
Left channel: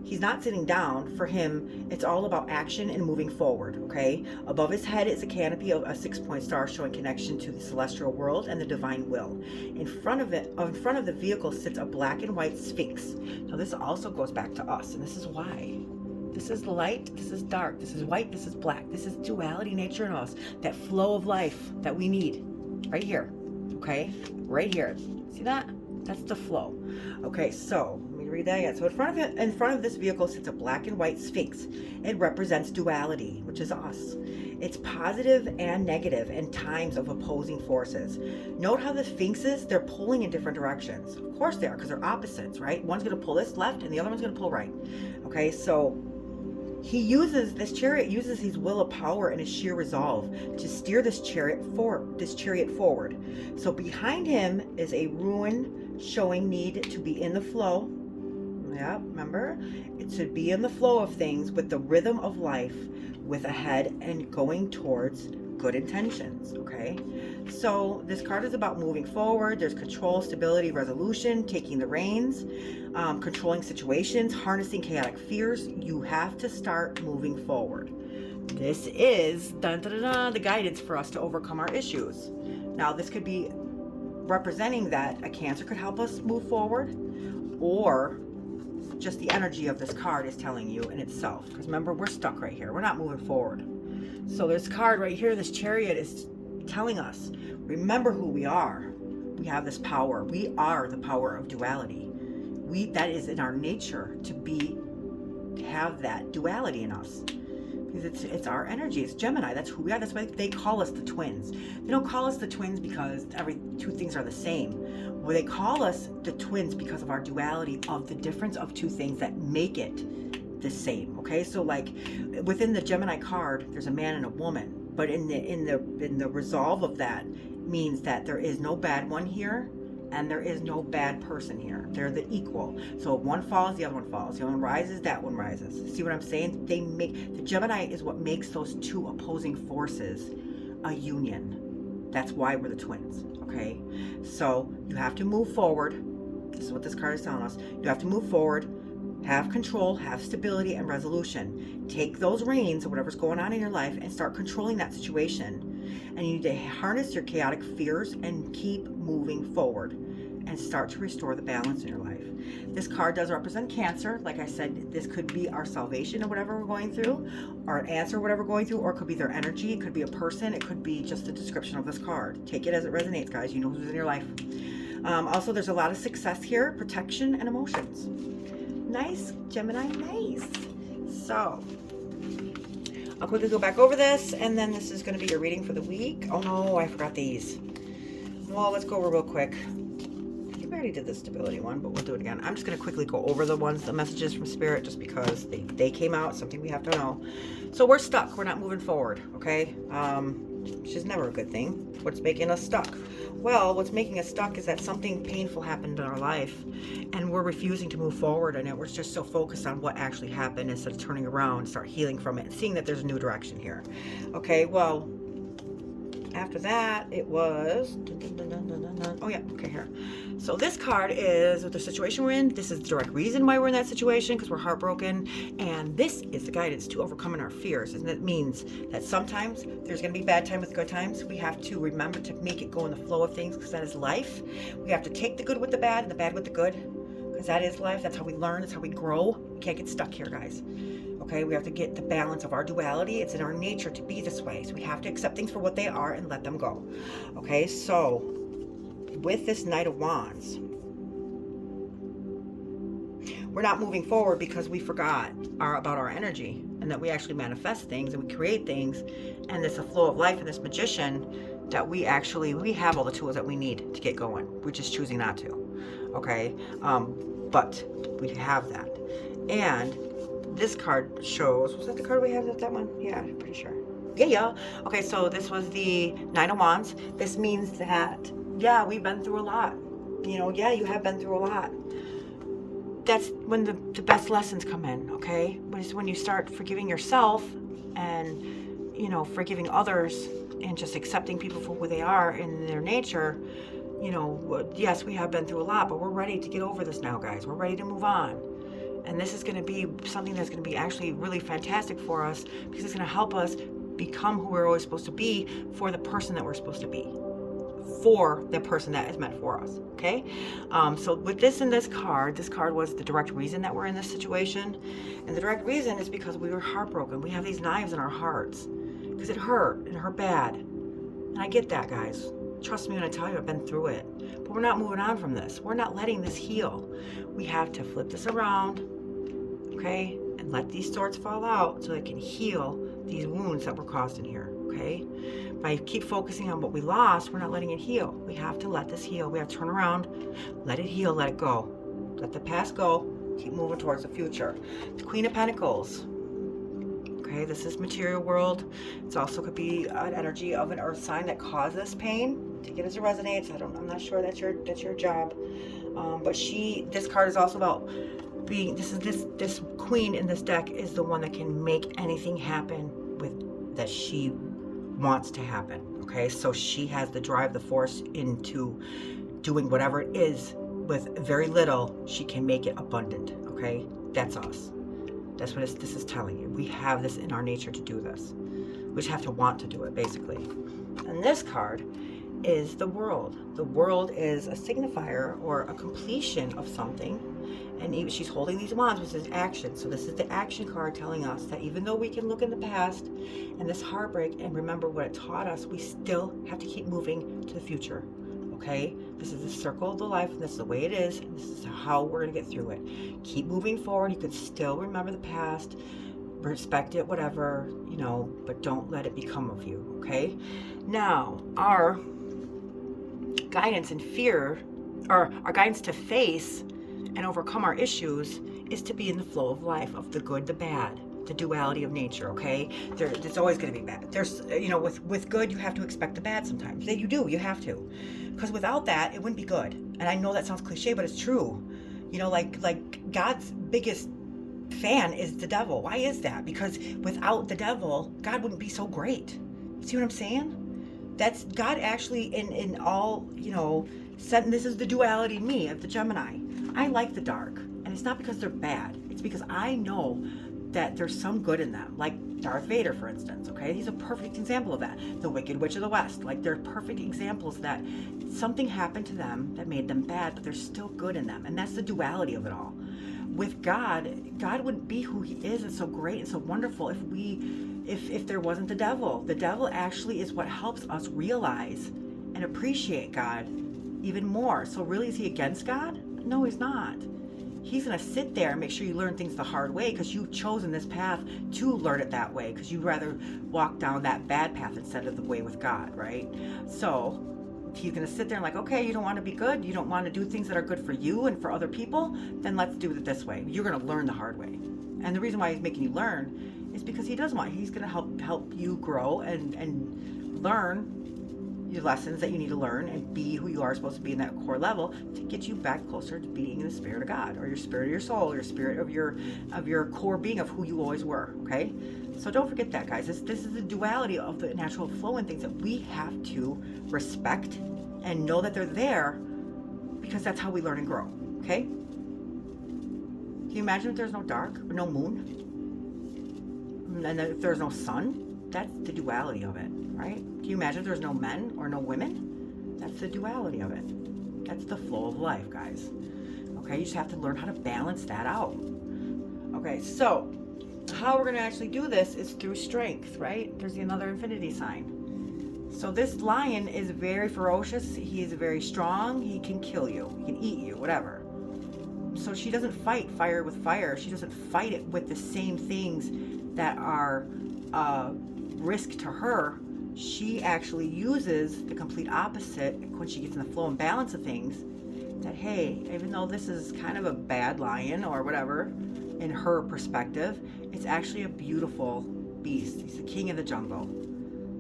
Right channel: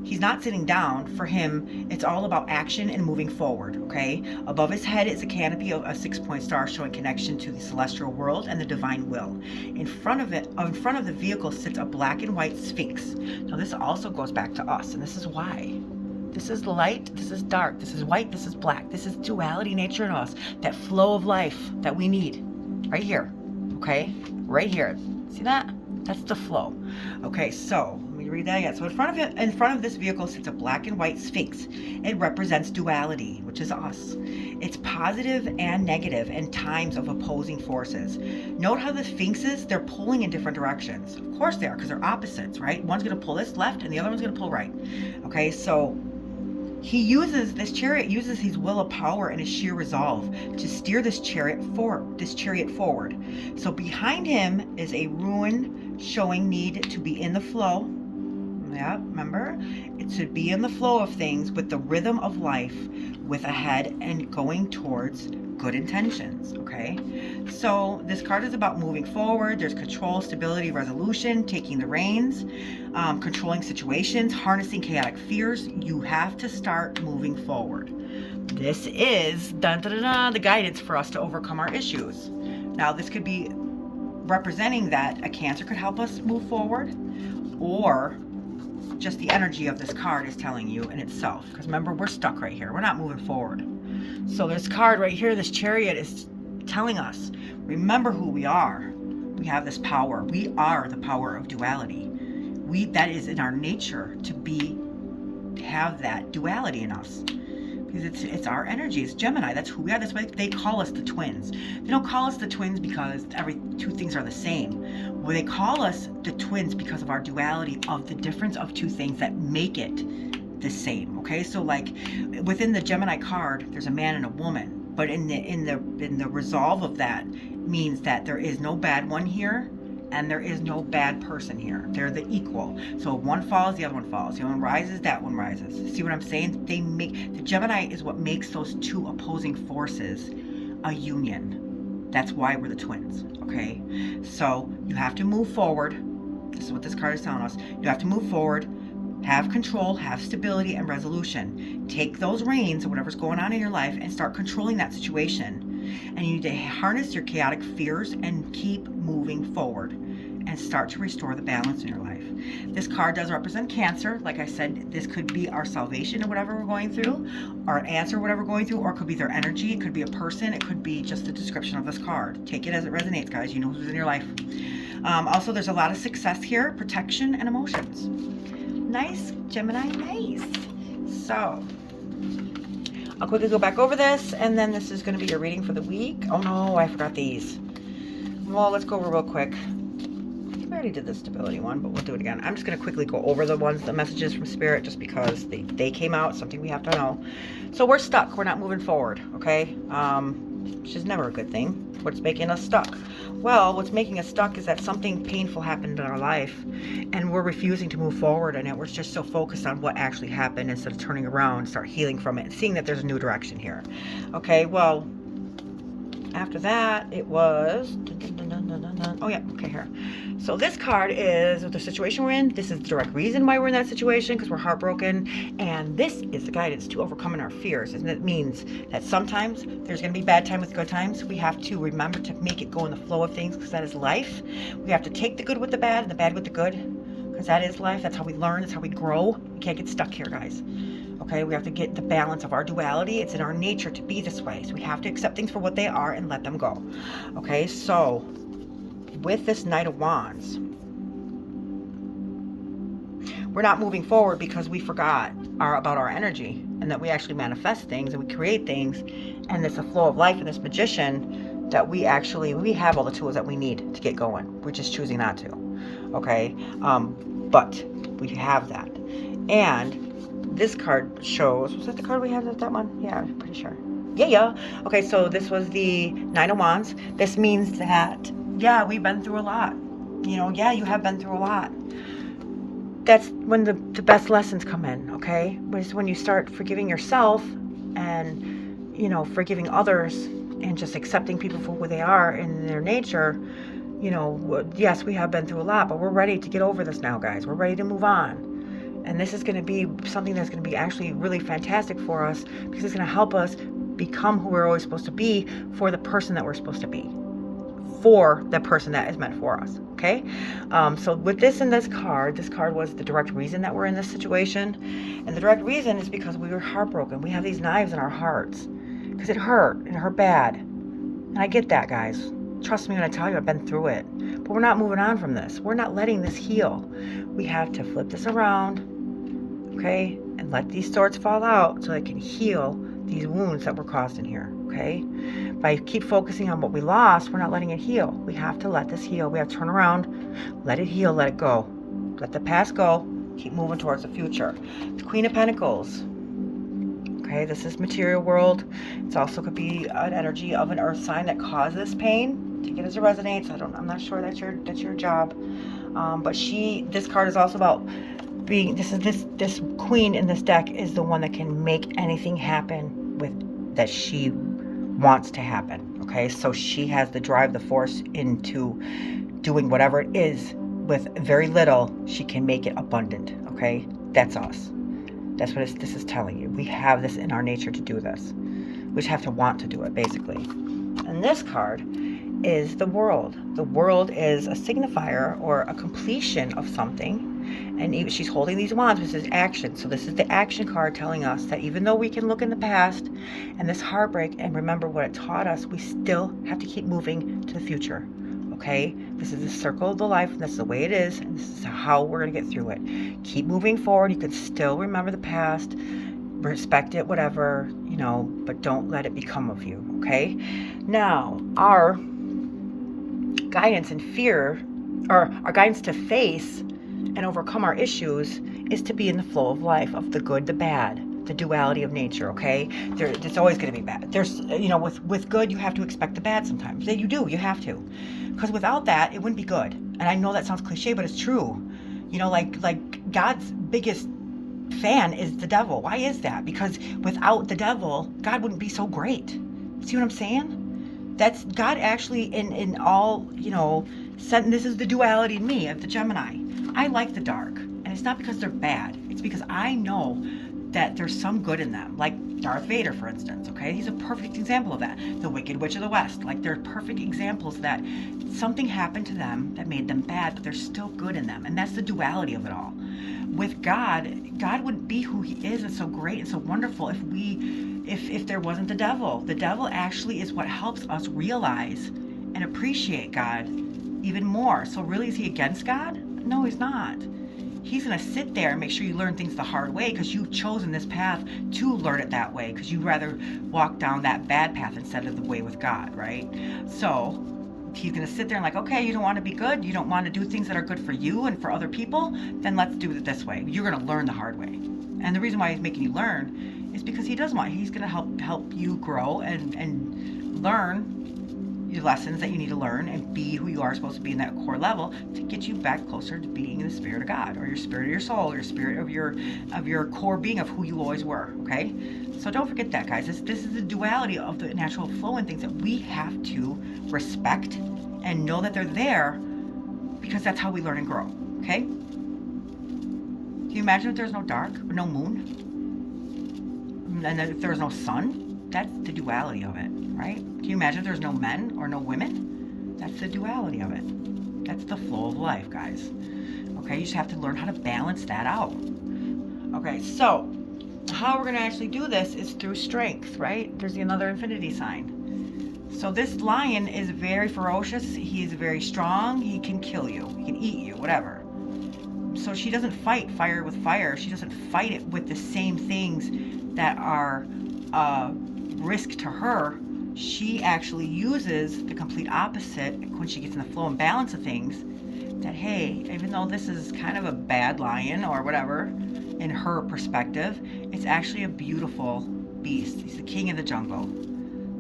He's not sitting down. For him, it's all about action and moving forward, okay? Above his head is a canopy of a 6-point star showing connection to the celestial world and the divine will. In front of the vehicle sits a black and white sphinx. Now this also goes back to us, and this is why. This is light, this is dark, this is white, this is black. This is duality nature in us, that flow of life that we need. Right here, okay? Right here. See that? That's the flow. Okay, so let me read that again. So in front of this vehicle sits a black and white sphinx. It represents duality, which is us. It's positive and negative and times of opposing forces. Note how the sphinxes, they're pulling in different directions. Of course they are, because they're opposites, right? One's going to pull this left and the other one's going to pull right. Okay, so this chariot uses his will of power and his sheer resolve to steer this chariot forward. So behind him is a ruin showing need to be in the flow. Yeah, remember? It should be in the flow of things with the rhythm of life, with a head and going towards good intentions, okay? So this card is about moving forward. There's control, stability, resolution, taking the reins, controlling situations, harnessing chaotic fears. You have to start moving forward. This is the guidance for us to overcome our issues. Now this could be representing that a Cancer could help us move forward, or just the energy of this card is telling you in itself. Because remember, we're stuck right here. We're not moving forward. So this card right here, this chariot, is telling us, remember who we are. We have this power. We are the power of duality. That is in our nature to have that duality in us. Because it's our energy. It's Gemini. That's who we are. That's why they call us the twins. They don't call us the twins because two things are the same. Well, they call us the twins because of our duality, of the difference of two things that make it the same. Okay, so like within the Gemini card, there's a man and a woman, but in the resolve of that means that there is no bad one here. And there is no bad person here. They're the equal. So if one falls, the other one falls. The other one rises, that one rises. See what I'm saying? The Gemini is what makes those two opposing forces a union. That's why we're the twins, okay? So you have to move forward. This is what this card is telling us. You have to move forward, have control, have stability and resolution. Take those reins of whatever's going on in your life and start controlling that situation. And you need to harness your chaotic fears and keep moving forward and start to restore the balance in your life. This card does represent Cancer. Like I said, this could be our salvation of whatever we're going through, our answer, whatever we're going through, or it could be their energy. It could be a person. It could be just the description of this card. Take it as it resonates, guys. You know who's in your life. Also, there's a lot of success here, protection, and emotions. Nice, Gemini, nice. So I'll quickly go back over this, and then this is going to be your reading for the week. Oh no, I forgot these. Well, let's go over real quick. I think I already did the stability one, but we'll do it again. I'm just going to quickly go over the messages from Spirit, just because they came out, something we have to know. So we're stuck. We're not moving forward, okay? Which is never a good thing. What's making us stuck? Well, what's making us stuck is that something painful happened in our life, and we're refusing to move forward, and we're just so focused on what actually happened instead of turning around, start healing from it, and seeing that there's a new direction here. Okay, well, after that, it was, oh yeah, okay, here. So this card is the situation we're in. This is the direct reason why we're in that situation, because we're heartbroken. And this is the guidance to overcoming our fears. And that means that sometimes there's going to be bad times with good times. We have to remember to make it go in the flow of things, because that is life. We have to take the good with the bad and the bad with the good, because that is life. That's how we learn. That's how we grow. We can't get stuck here, guys. Okay, we have to get the balance of our duality. It's in our nature to be this way. So we have to accept things for what they are and let them go. Okay, so with this Knight of Wands, we're not moving forward because we forgot about our energy, and that we actually manifest things and we create things, and it's a flow of life, and this Magician that we have all the tools that we need to get going. We're just choosing not to. Okay, but we have that. And this card shows, was it the card we had at that one? Yeah, I'm pretty sure. Yeah. Okay, so this was the Knight of Wands. This means that, yeah, we've been through a lot. You know, yeah, you have been through a lot. That's when the best lessons come in, okay? It's when you start forgiving yourself and, you know, forgiving others and just accepting people for who they are in their nature. You know, yes, we have been through a lot, but we're ready to get over this now, guys. We're ready to move on. And this is going to be something that's going to be actually really fantastic for us, because it's going to help us become who we're always supposed to be for the person that we're supposed to be, for the person that is meant for us. Okay, so with this and this card was the direct reason that we're in this situation. And the direct reason is because we were heartbroken. We have these knives in our hearts because it hurt bad. And I get that, guys. Trust me when I tell you, I've been through it. But we're not moving on from this. We're not letting this heal. We have to flip this around, okay, and let these swords fall out so it can heal these wounds that were caused in here, okay? By keep focusing on what we lost, we're not letting it heal. We have to let this heal. We have to turn around, let it heal, let it go. Let the past go, keep moving towards the future. The Queen of Pentacles. Okay, this is material world. It's also could be an energy of an earth sign that causes pain. Take it as it resonates. I'm not sure that's your job. But this card is also about being, this queen in this deck is the one that can make anything happen that she wants to happen. Okay, so she has the drive, the force into doing whatever it is with very little. She can make it abundant. Okay, that's us. That's what this is telling you. We have this in our nature to do this. We just have to want to do it, basically. And this card is the world. The world is a signifier or a completion of something. And she's holding these wands, which is action. So this is the action card telling us that even though we can look in the past and this heartbreak and remember what it taught us, we still have to keep moving to the future. Okay, this is the circle of the life, and this is the way it is, and this is how we're going to get through it. Keep moving forward. You can still remember the past, respect it, whatever, you know, but don't let it become of you. Okay, now our guidance and fear, or our guidance to face and overcome our issues, is to be in the flow of life, of the good, the bad, the duality of nature. Okay, it's always going to be bad. There's, you know, with good, you have to expect the bad sometimes. You have to, because without that, it wouldn't be good. And I know that sounds cliche, but it's true. You know, like God's biggest fan is the devil. Why is that? Because without the devil, God wouldn't be so great. See what I'm saying? That's God actually in all, you know, this is the duality in me, of the Gemini. I like the dark, and it's not because they're bad. It's because I know that there's some good in them, like Darth Vader, for instance. Okay, he's a perfect example of that. The Wicked Witch of the West, like they're perfect examples that something happened to them that made them bad, but there's still good in them, and that's the duality of it all. With God, God wouldn't be who He is and so great and so wonderful if there wasn't the devil. The devil actually is what helps us realize and appreciate God even more. So really, is he against God? No, he's not. He's going to sit there and make sure you learn things the hard way, because you've chosen this path to learn it that way, because you'd rather walk down that bad path instead of the way with God, right? So he's going to sit there and like, okay, you don't want to be good, you don't want to do things that are good for you and for other people, then let's do it this way. You're going to learn the hard way. And the reason why he's making you learn is because he's going to help you grow and learn the lessons that you need to learn and be who you are supposed to be in that core level, to get you back closer to being the spirit of God, or your spirit of your soul, or your spirit of your core being of who you always were. Okay, so don't forget that, guys. This is the duality of the natural flow and things that we have to respect and know that they're there, because that's how we learn and grow. Okay, can you imagine if there's no dark or no moon, and then if there's no sun? That's the duality of it, right? Can you imagine if there's no men or no women? That's the duality of it. That's the flow of life, guys. Okay, you just have to learn how to balance that out. Okay, so how we're going to actually do this is through strength, right? There's another infinity sign. So this lion is very ferocious. He is very strong. He can kill you. He can eat you, whatever. So she doesn't fight fire with fire. She doesn't fight it with the same things that are risk to her. She actually uses the complete opposite when she gets in the flow and balance of things, that hey, even though this is kind of a bad lion or whatever in her perspective, it's actually a beautiful beast. He's the king of the jungle.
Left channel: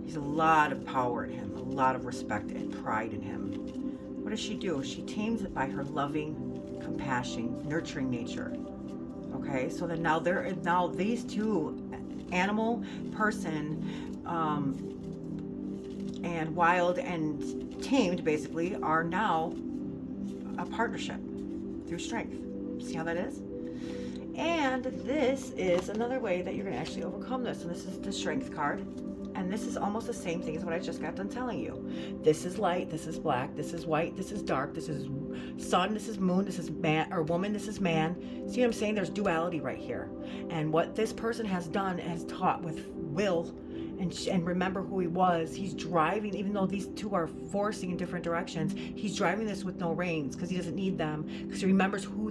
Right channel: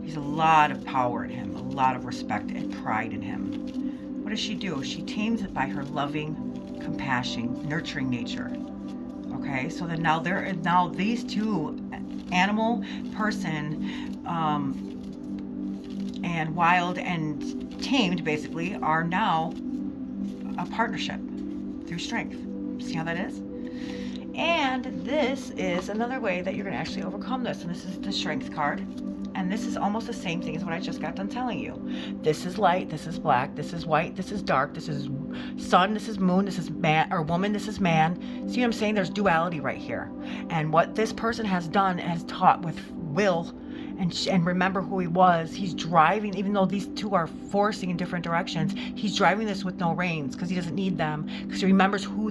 He's a lot of power in him, a lot of respect and pride in him. What does she do? She tames it by her loving, compassion, nurturing nature. Okay, so then now these two, animal, person, and wild and tamed, basically, are now a partnership through strength. See how that is? And this is another way that you're going to actually overcome this. And this is the Strength card. And this is almost the same thing as what I just got done telling you. This is light, this is black, this is white, this is dark, this is sun, this is moon, this is man or woman, this is man. See what I'm saying? There's duality right here. And what this person has done has taught with will and remember who he was. He's driving, even though these two are forcing in different directions, he's driving this with no reins because he doesn't need them, because he remembers who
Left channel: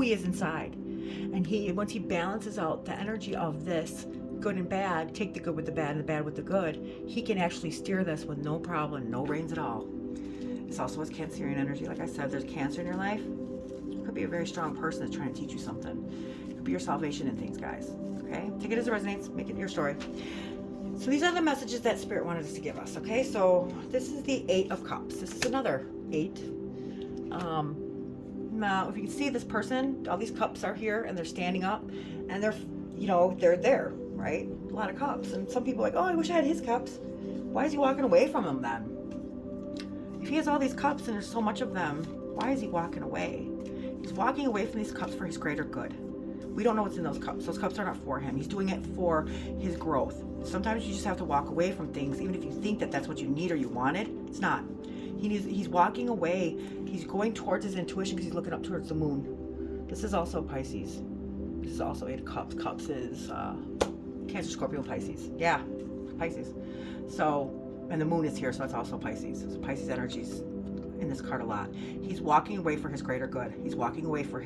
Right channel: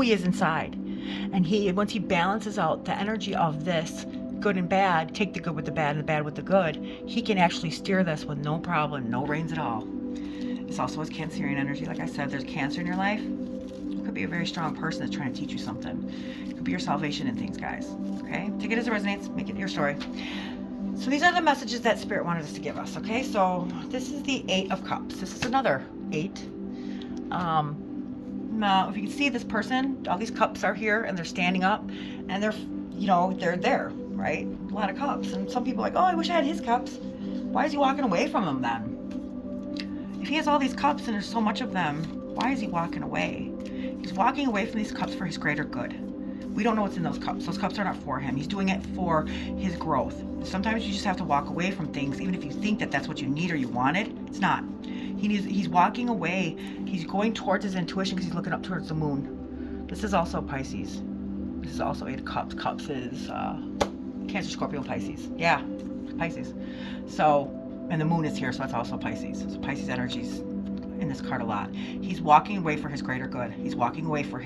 he is inside. And once he balances out the energy of this good and bad, take the good with the bad and the bad with the good, he can actually steer this with no problem, no reins at all. This also has Cancerian energy. Like I said, there's Cancer in your life. It could be a very strong person that's trying to teach you something. It could be your salvation in things, guys. Okay? Take it as it resonates. Make it your story. So these are the messages that Spirit wanted us to give us. Okay? So this is the 8 of Cups. This is another 8. Now, if you can see this person, all these cups are here and they're standing up and they're there, right? A lot of cups. And some people are like, oh, I wish I had his cups. Why is he walking away from them then? If he has all these cups and there's so much of them, why is he walking away? He's walking away from these cups for his greater good. We don't know what's in those cups. Those cups are not for him. He's doing it for his growth. Sometimes you just have to walk away from things, even if you think that that's what you need or you wanted. It's not. He's walking away. He's going towards his intuition because he's looking up towards the moon. This is also Pisces. This is also 8 of Cups. Cups is Cancer, Scorpio, Pisces. Yeah, Pisces. So, and the moon is here, so that's also Pisces. So Pisces energy's in this card a lot. He's walking away for his greater good. He's walking away so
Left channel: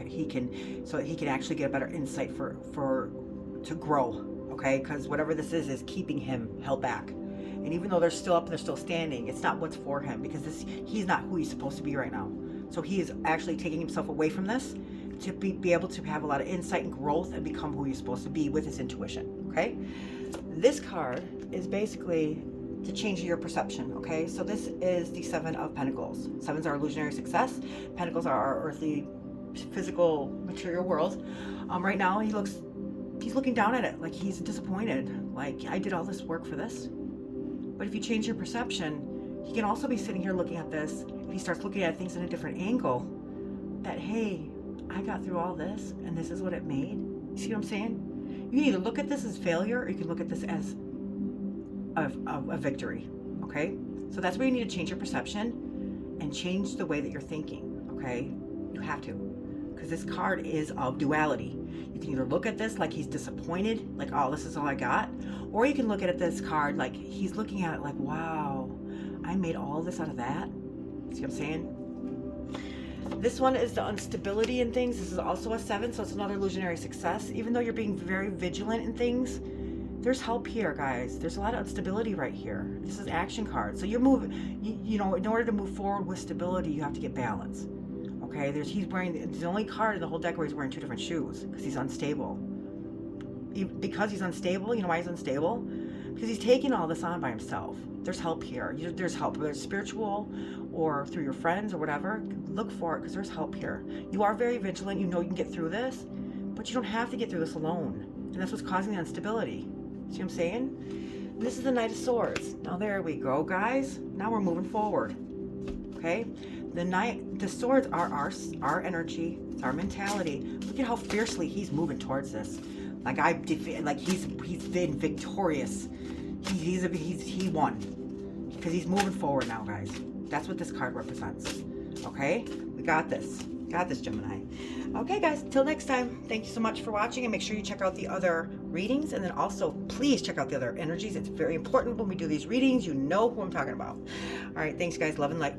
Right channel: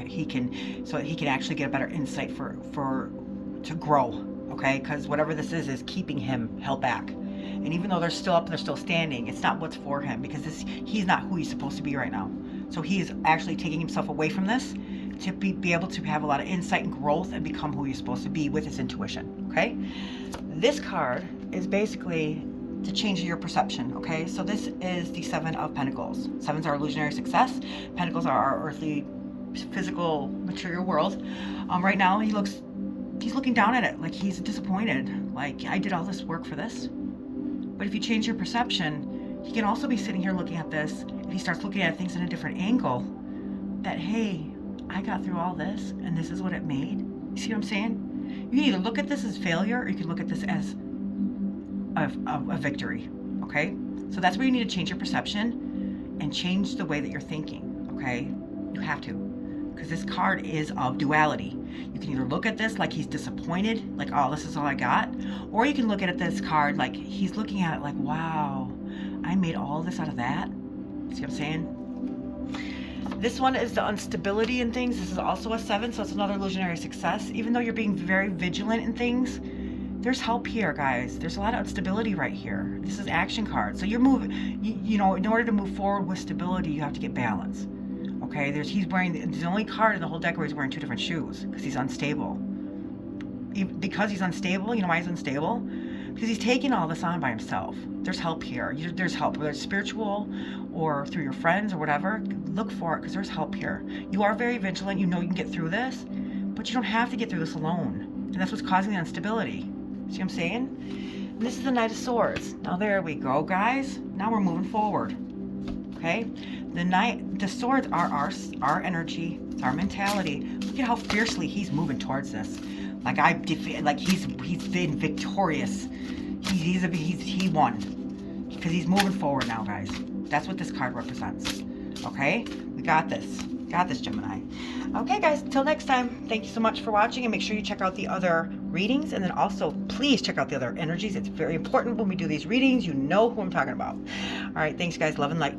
that he can actually get a better insight to grow. Okay, because whatever this is keeping him held back. And even though they're still up and they're still standing, it's not what's for him, because he's not who he's supposed to be right now. So he is actually taking himself away from this to be able to have a lot of insight and growth and become who he's supposed to be with his intuition. Okay, this card is basically to change your perception. Okay, so this is the 7 of Pentacles. 7s are illusionary success. Pentacles are our earthly, physical, material world. Right now he's looking down at it like he's disappointed. Like, I did all this work for this. But if you change your perception, he can also be sitting here looking at this. If he starts looking at things in a different angle, that, hey, I got through all this and this is what it made. You see what I'm saying? You can either look at this as failure or you can look at this as a victory. Okay? So that's where you need to change your perception and change the way that you're thinking. Okay? You have to. Because this card is of duality. You can either look at this like he's disappointed, like, oh, this is all I got, or you can look at this card like he's looking at it like, wow, I made all this out of that. See what I'm saying? This one is the instability in things. This is also a 7, so it's another illusionary success. Even though you're being very vigilant in things, there's help here, guys. There's a lot of instability right here. This is action card. So you're moving, you know, in order to move forward with stability, you have to get balance. Okay, he's wearing the only card in the whole deck where he's wearing 2 different shoes because he's unstable. Because he's unstable, you know why he's unstable? Because he's taking all this on by himself. There's help here. There's help, whether it's spiritual or through your friends or whatever. Look for it because there's help here. You are very vigilant. You know you can get through this, but you don't have to get through this alone. And that's what's causing the instability. See what I'm saying? And this is the Knight of Swords. Now there we go, guys. Now we're moving forward. Okay? The swords are our energy, it's our mentality. Look at how fiercely he's moving towards this. Like he's been victorious. He won because he's moving forward now, guys. That's what this card represents. Okay, we got this. Got this, Gemini. Okay, guys. Till next time. Thank you so much for watching, and make sure you check out the other readings, and then also please check out the other energies. It's very important when we do these readings. You know who I'm talking about. All right. Thanks, guys. Love and light.